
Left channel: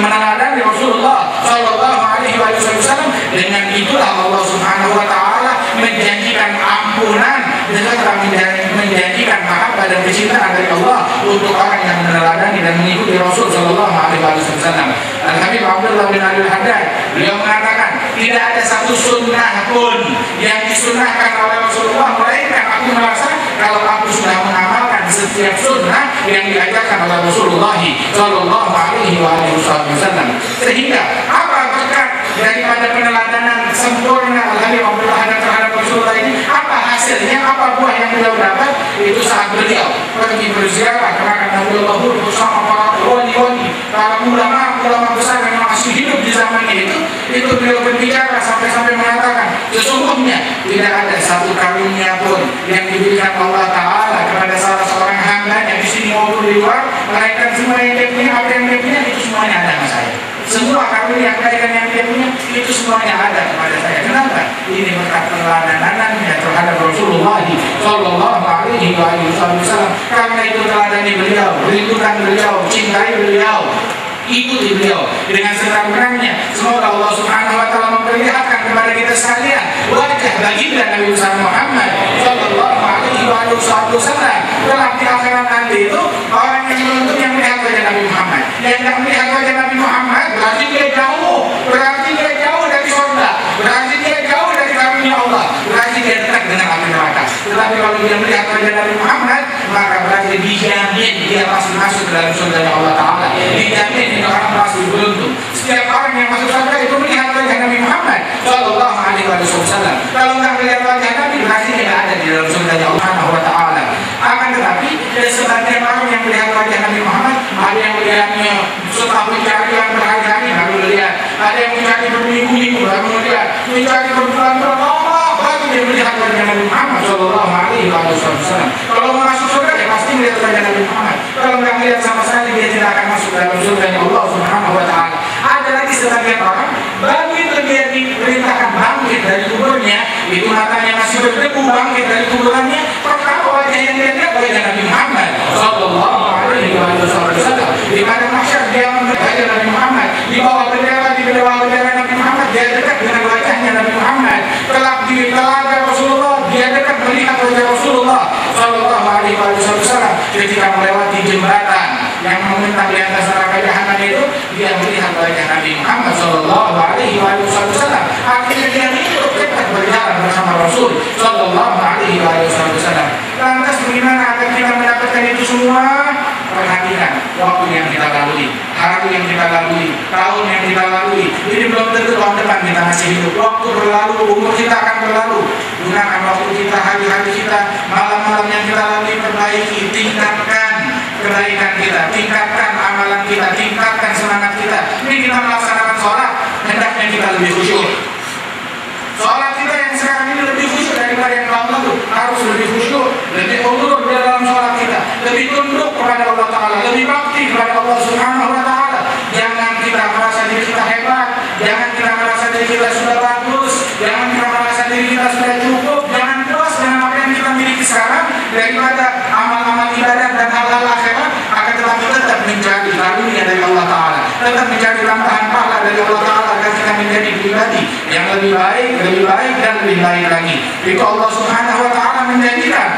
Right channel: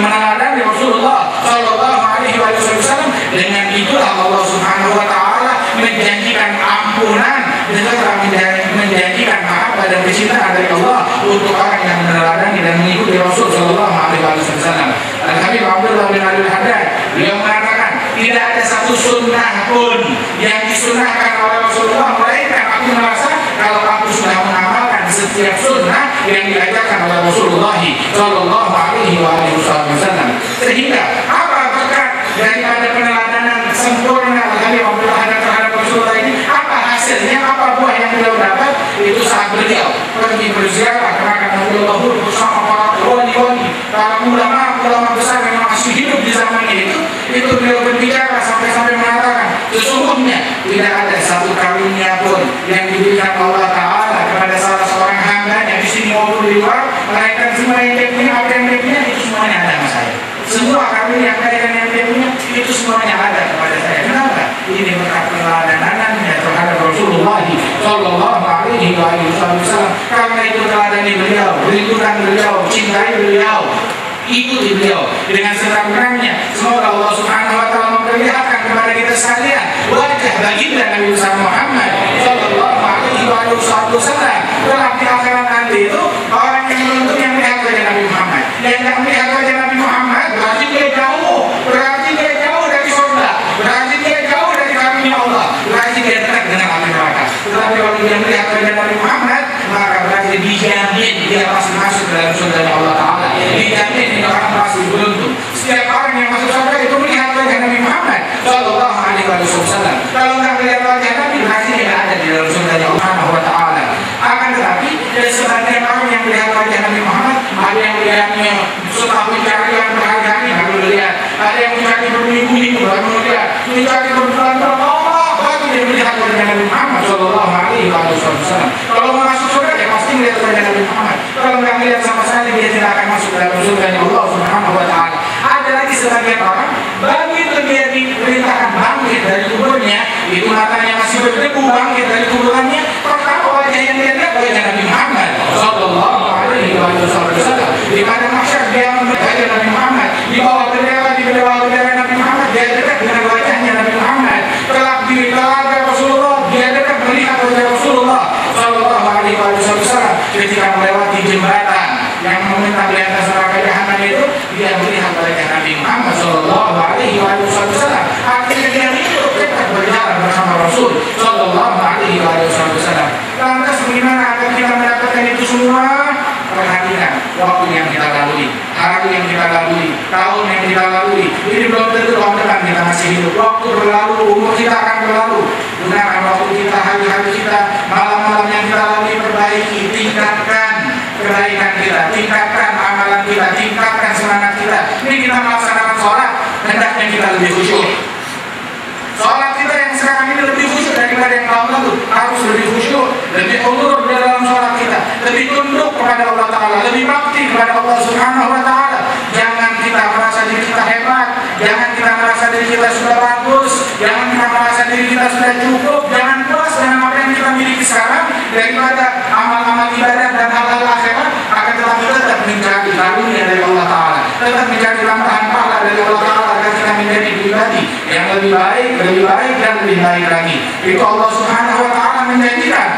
meneladani Rasulullah Shallallahu Alaihi Wasallam. Dengan itulah Allah Subhanahu Wa Taala menjanjikan ampunan dan telah menjanjikan mahabbah dan kecintaan dari Allah untuk orang yang meneladani dan mengikuti Rasul Shallallahu Alaihi Wasallam. Al-Habib Abdullah bin Abdul Haddad beliau mengatakan tidak ada satu sunnah pun yang disunahkan oleh Rasulullah melainkan aku merasa kalau aku sudah mengamalkan setiap sunnah yang diajarkan oleh Rasulullah Shallallahu Alaihi Wasallam. Sehingga apa berkat daripada peneladanan sempurna Al-Habib Abdullah Haddad terhadap Rasulullah ini? Apa hasilnya? Apa buah yang beliau dapat? Itu saat beliau pergi berziarah ke makam Nabiullah Hud bersama para wali-wali, para ulama besar yang masih hidup di zamannya itu beliau berbicara sampai mengatakan sesungguhnya tidak ada satu karunia pun yang diberikan Allah Ta'ala kepada salah seorang hamba yang di sini maupun di luar, melainkan semua yang dia punya, apa yang dia punya itu semuanya ada sama saya. Semua karunia kebaikan yang dia punya itu semuanya ada kepada saya. Kenapa? Ini berkat peneladanannya terhadap Rasulullah Shallallahu Alaihi Wasallam. Karena itu teladani beliau, rindukan beliau, cintai beliau, ikuti beliau dengan sebenarnya. Semoga Allah Subhanahu Wa Taala memperlihatkan kepada kita sekalian wajah baginda Nabi Muhammad Shallallahu Alaihi Wasallam. Dalam di akhirat nanti itu orang yang beruntung yang melihat wajah Nabi Muhammad. Yang tidak melihat wajah Nabi Muhammad berarti dia jauh dari surga, berarti dia jauh dari karunia Allah, berarti dia dekat dengan api neraka. Tetapi kalau dia melihat wajah Nabi Muhammad, maka berarti dijamin dia pasti masuk ke dalam surga Allah Ta'ala. Dijamin ini orang pasti beruntung. Setiap orang yang masuk surga itu melihat wajah Nabi Muhammad Shallallahu Alaihi Wasallam. Kalau nggak melihat wajah Nabi, berarti dia ada di dalam surga Allah Ta'ala. Akan tetapi ada sebagian orang yang melihat wajah Nabi Muhammad, ada yang melihatnya setelah mencari yang berhari-hari baru melihat, ada yang mencari berminggu-minggu baru melihat, mencari berbulan-bulan baru dia melihat wajah Nabi Muhammad Shallallahu Alaihi Wasallam. Kalau mau masuk surga dia pasti melihat wajah Nabi Muhammad. Kalau nggak melihat sama sekali dia tidak akan masuk dalam surga Allah Subhanahu Wa Taala. Ada lagi sebagian orang begitu dia diperintahkan bangkit dari kuburnya, itu matanya masih berdebu, bangkit dari kuburannya, pertama wajah yang dia lihat wajah Nabi Muhammad Shallallahu Alaihi Wasallam. Di pada mahsyar dia melihat wajah Nabi Muhammad, di bawah bendera Nabi Muhammad dia dekat dengan wajahnya Nabi Muhammad. Kelak di telaga Rasulullah dia dekat melihat wajah Rasulullah Shallallahu Alaihi Wasallam. Ketika melewati jembatan yang membentang di atas neraka jahanam itu, dia melihat wajah Nabi Muhammad Shallallahu Alaihi Wasallam. Akhirnya dia hidup dekat berjalan bersama Rasul Shallallahu Alaihi Wasallam. Lantas bagaimana agar kita mendapatkan itu semua? Perhatikan waktu yang kita lalui, hari yang kita lalui, tahun yang kita lalui. Ini belum tentu tahun depan kita masih hidup. Waktu berlalu, umur kita akan berlalu. Gunakan waktu kita, hari-hari kita, malam-malam yang kita lalui, perbaiki, tingkatkan kebaikan kita, tingkatkan amalan kita, tingkatkan semangat kita. Ini kita melaksanakan sholat, hendaknya kita lebih khusyuk. Sholat kita yang sekarang ini lebih khusyuk daripada yang tahun lalu, harus lebih khusyuk, lebih undur di dalam sholat kita, lebih tunduk kepada Allah Ta'ala, lebih bakti kepada Allah Subhanahu Wa Ta'ala. Jangan kita merasa diri kita hebat, jangan kita merasa diri kita sudah bagus, jangan kita merasa diri kita sudah cukup, jangan puas dengan apa yang kita miliki sekarang daripada amal-amal ibadah dan hal-hal akhirat, akan tetapi tetap mencari karunia dari Allah Ta'ala, tetap mencari tambahan pahala dari Allah Ta'ala agar kita menjadi pribadi yang lebih baik dan lebih baik lagi. Itu Allah Subhanahu Wa Ta'ala menjanjikan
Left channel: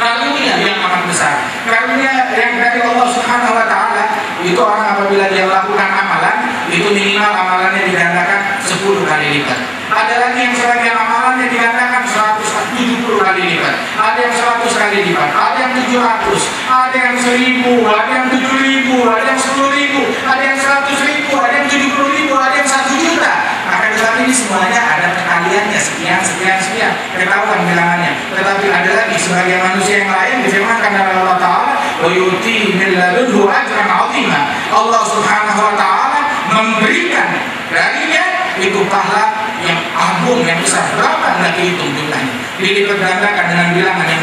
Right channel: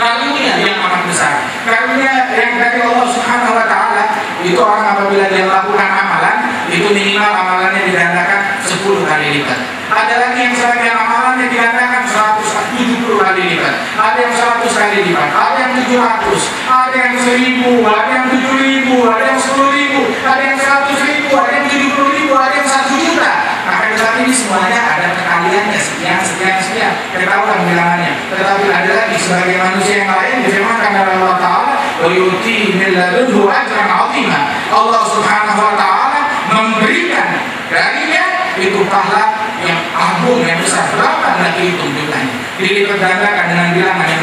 karunia yang amat besar, karunia yang dari Allah Subhanahu Wa Ta'ala. Itu orang apabila dia melakukan amalan, itu minimal amalannya digandakan 10 kali lipat. Ada lagi yang sebagian amalannya digandakan 170 kali lipat, ada yang 100 kali lipat, ada yang 700, ada yang 1000, ada yang 7000, ada yang 10.000, ada yang 100.000, ada yang 70.000, ada yang 1 juta. Akan tetapi ini semuanya ada perkaliannya, sekian, ketahuan bilangannya. Tetapi ada lagi sebagian manusia yang lain difirmankan oleh Allah Ta'ala, wa yu'ti min ladunhu ajran 'azima. Allah Subhanahu Wa Ta'ala memberikan darinya itu pahala yang agung, yang besar. Berapa tidak dihitung jumlahnya, dilipat gandakan dengan bilangan yang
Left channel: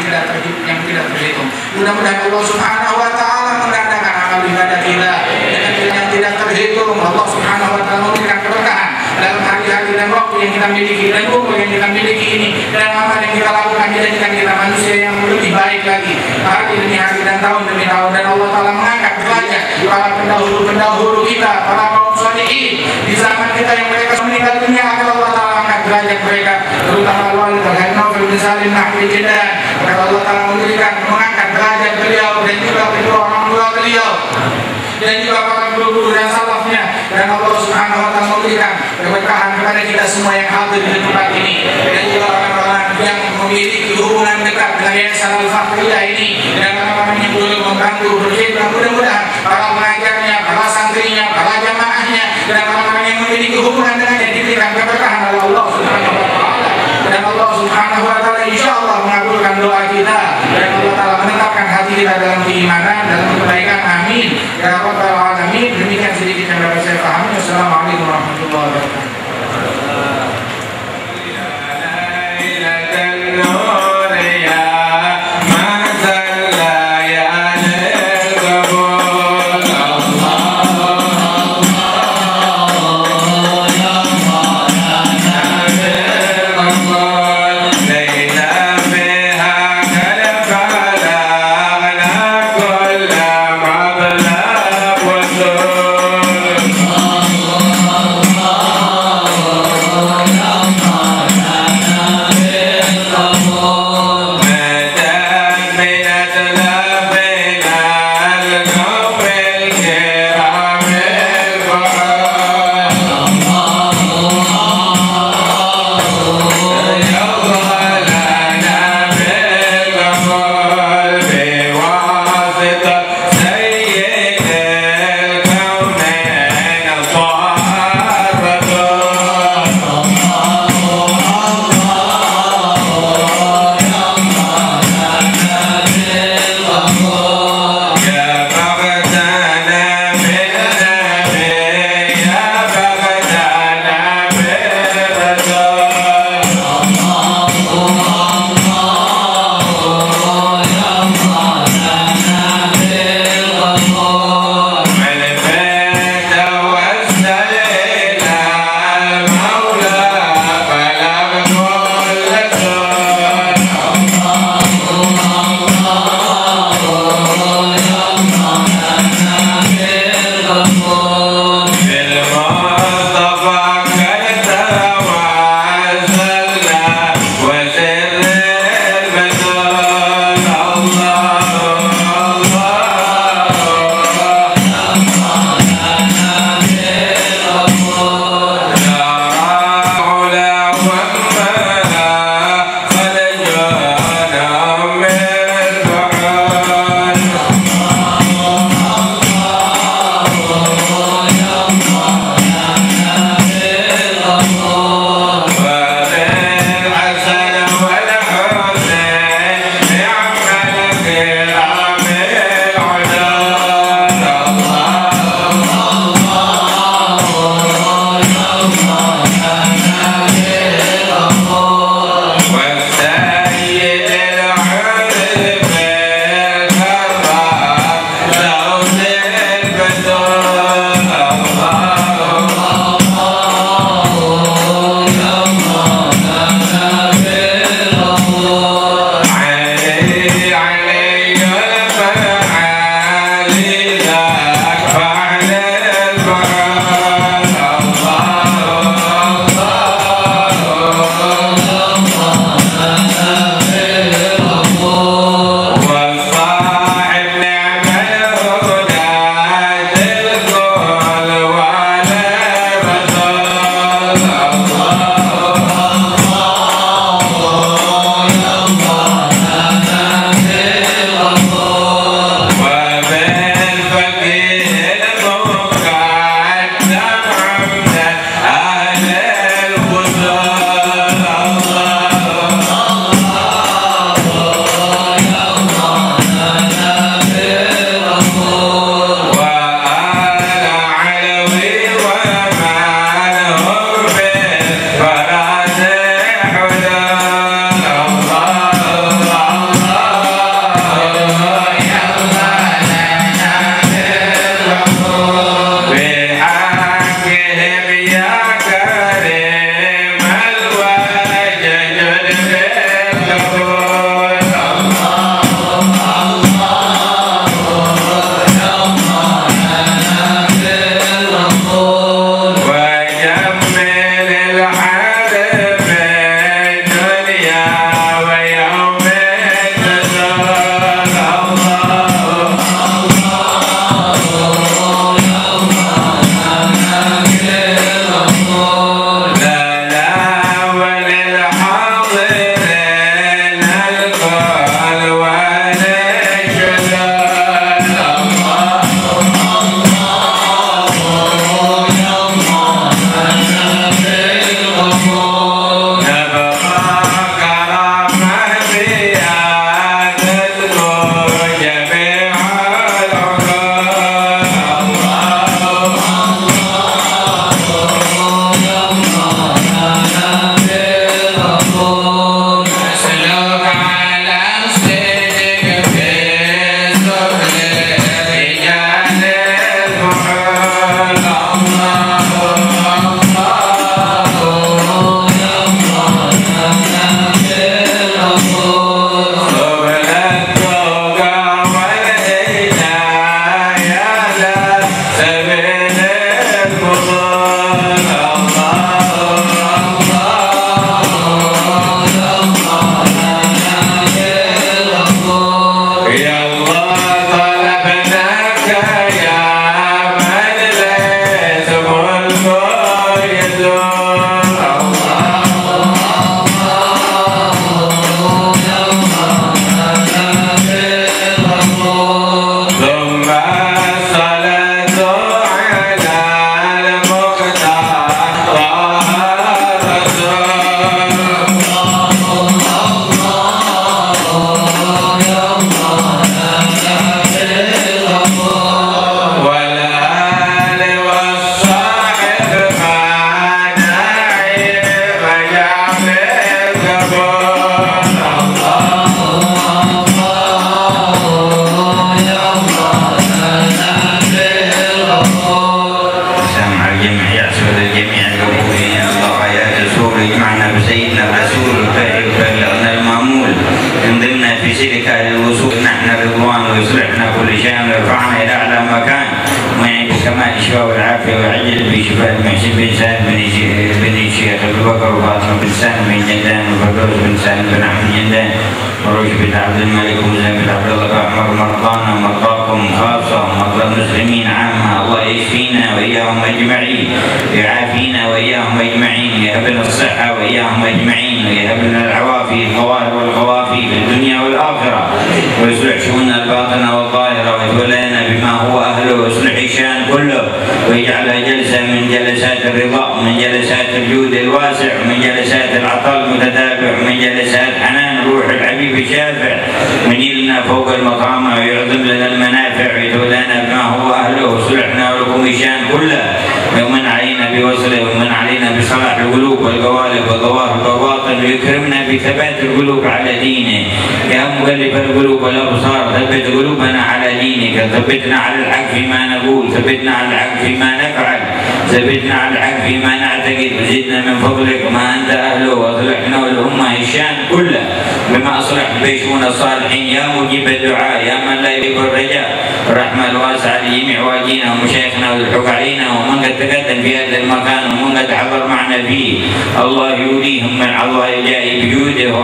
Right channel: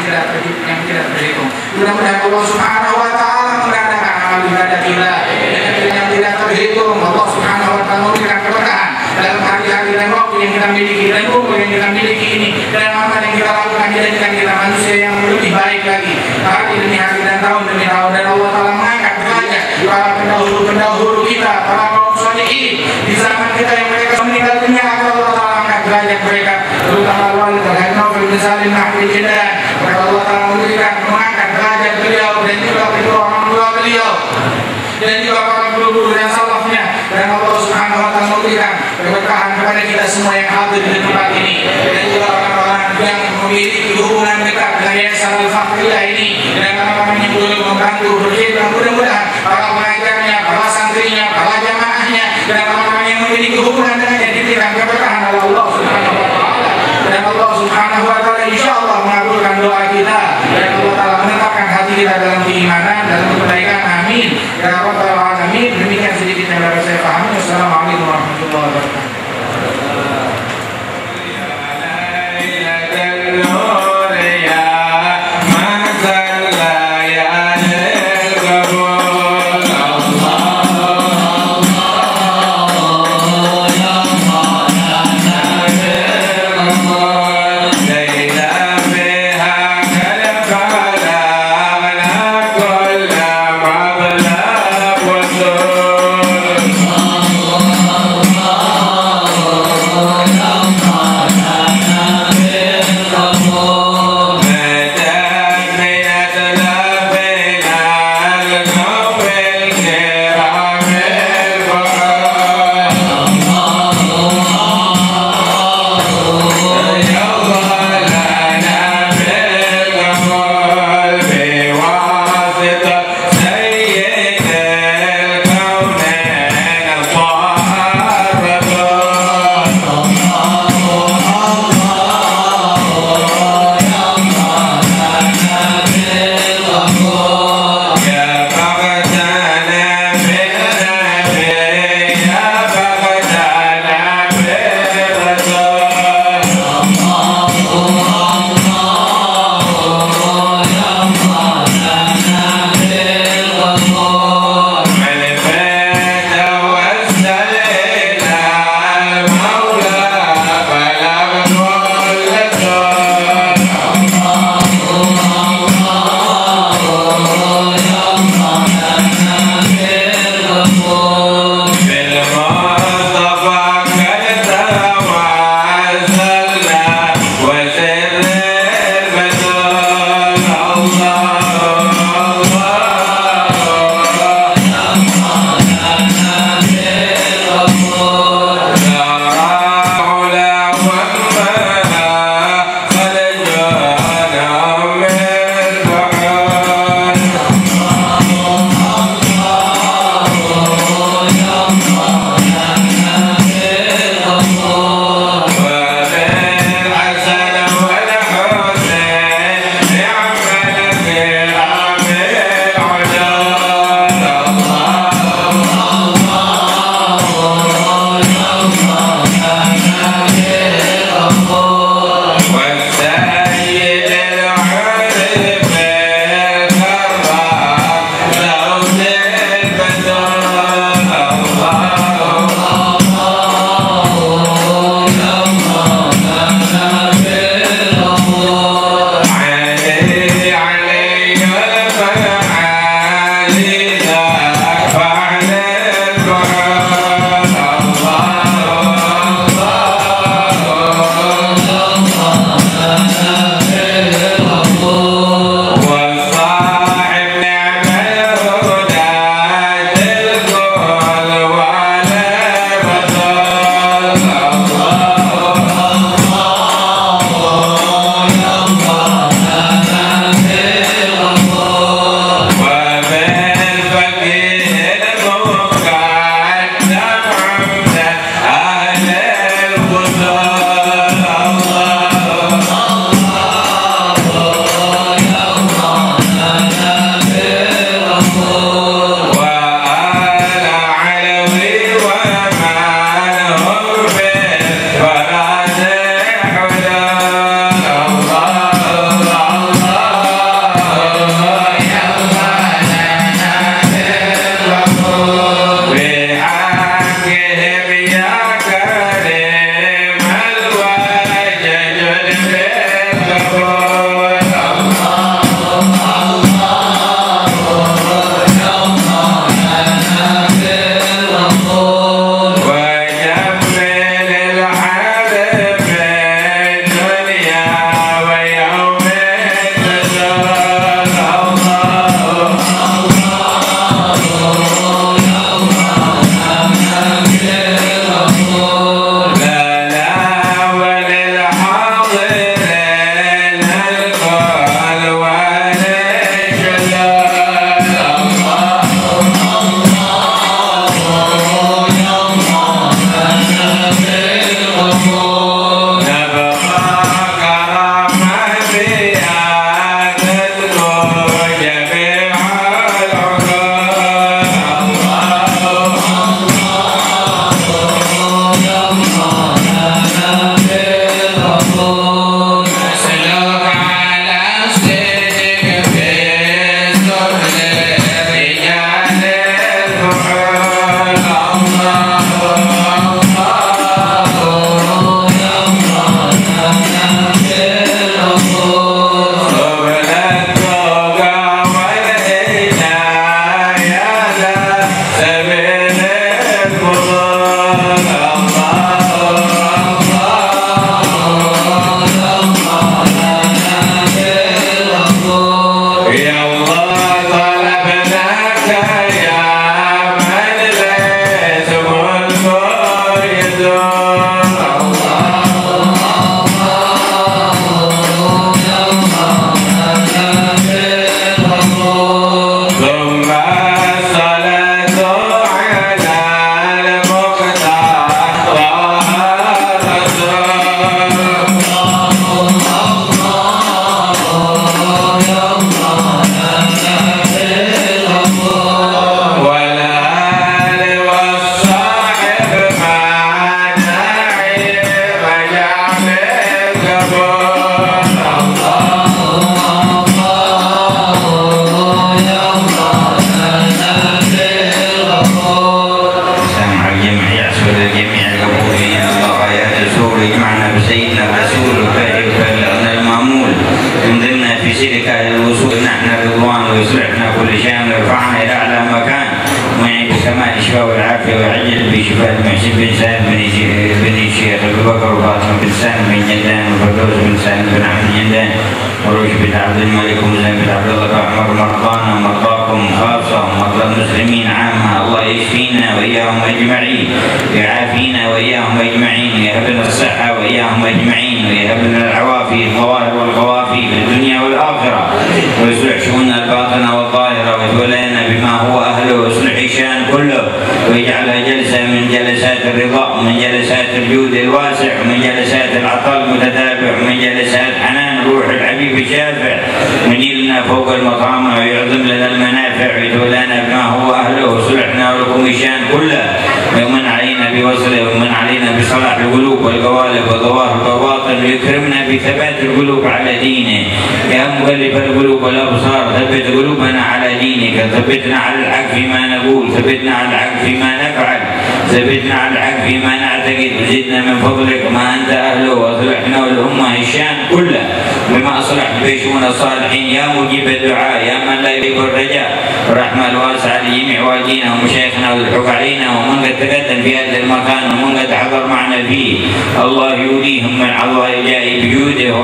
tidak terhitung. Mudah-mudahan Allah Subhanahu Wa Ta'ala menggandakan amal ibadah kita dengan yang tidak terhitung. Allah Subhanahu Wa Ta'ala memberikan keberkahan dalam hari-hari dan waktu yang kita miliki dan umur yang kita miliki ini, dan amal yang kita lakukan menjadikan kita manusia yang lebih baik lagi hari demi hari dan tahun demi tahun. Dan Allah Ta'ala mengangkat derajat para pendahulu kita, para kaum sholihin. Di zaman kita yang mereka meninggal dunia, akan Allah Ta'ala angkat derajat mereka, terutama Al-Walid Al-Hanafi bin Salim Nahwi Jidan. Akan Allah Ta'ala mengangkat derajat beliau dan juga kedua orang tua beliau dan juga para guru-guru dan salafnya, dan Allah Subhanahu wa Ta'ala memberikan keberkahan kepada kita semua yang hadir di tempat ini, dan juga orang-orang yang memiliki hubungan dekat dengan Yayasan Al-Fathiyah ini, dan orang-orang yang boleh membantu berkhidmat. Mudah-mudahan para pengajarnya, para santrinya, para jamaahnya, dan orang-orang yang memiliki hubungan dengannya diberikan keberkahan oleh Allah Subhanahu wa Ta'ala, dan Allah Subhanahu wa Ta'ala insyaallah mengabulkan doa kita, dan Allah Ta'ala menetapkan hati kita dalam keimanan, dalam kebaikan. Amin ya rabbal alamin. Demikian sedikit yang dapat saya pahami. Wassalamualaikum warahmatullahi wabarakatuh. وعجل بشفاء المحسن بن سالم بن الشيخ ابو بكر وفاطمه بن سالم بن جندان وفردوس بن سالم بن احمد جندان وروش بن عبد الملك وزين بن عبد الله عمر مرضانا ومرضاكم خاصه ومرضى المسلمين عامه الله يشفينا واياهم اجمعين يعافينا واياهم اجمعين ويهب لنا الصحه واياهم اجمعين ويهب لنا العوافي الظواهر والخوافي في الدنيا والاخره ويصلح شؤوننا الباطنه والظاهره ويتولانا بما هو اهله ويصلح الشان كله ويجعلها جلسة من جلسات الرضا ومن جلسات الجود الواسع ومن جلسات العطاء المتتابع ومن جلسات حنان روح الحبيب الشافع وينيلنا فوق المقام ويعظم لنا المنافع ويتولانا بما هو أهله وصلحنا ولكم الشان كله ويمن علينا بوصله ويمن علينا بصلاح القلوب والقوالب والظواهر والباطن ويكرمنا بثبات القلوب على دينه يا مقلب القلوب والأبصار ثبت قلوبنا على دينك ثبتنا على الحق فيما نقول ثبتنا على الحق فيما نفعل ثبتنا على الحق فيما نعتقد وزدنا من فضلك ما أنت أهله وأصلحنا والأمة الشان كله بما أصلحت بيشون الصالحين يا مجيب الدعاء يا من لا يجيب الرجاء الرحمة الواسعة لجميع والدينا ومشايخنا والحق علينا ومن قد تقدم في هذا المكان ومن قد حضر معنا فيه الله يوليهم من عطاء جاء بجوده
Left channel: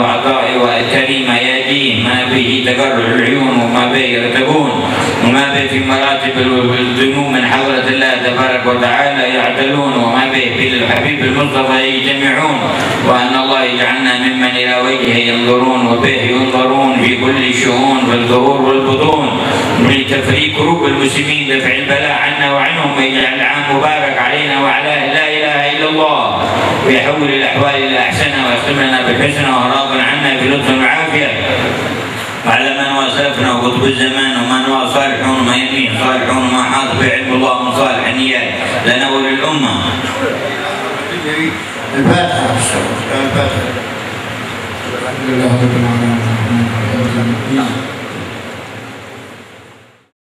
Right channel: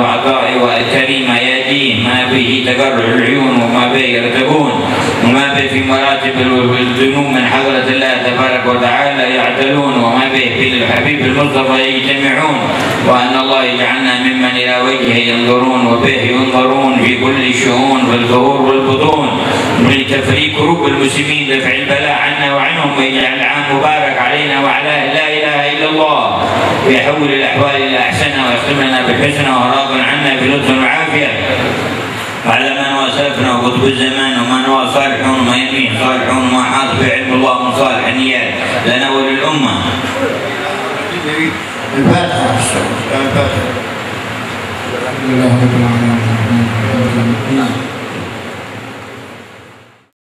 وعطائه وكريمه ياتيه ما به تقرر العيون وما به يرتبون وما به في مراتب الذنوب من حضرة الله تبارك وتعالى يعتلون وما به في الحبيب المصطفى يجتمعون وأن الله يجعلنا ممن إلى وجهه ينظرون وبه ينظرون في كل الشؤون في الظهور والبطون لتفريق كروب المسلمين دفع البلاء عنا وعنهم ويجعل العام مبارك علينا وعلى لا إله إلا الله ويحول الأحوال إلى أحسنها ويختم لنا بالحسنى وراض عنا بلطف وعافية وعلى من واسلفنا وقطب الزمان ومن هو صالحون وما يمين صالحون وما حاط بعلم الله من صالح النيات لنا وللأمة. الفاتحة. الحمد لله رب العالمين.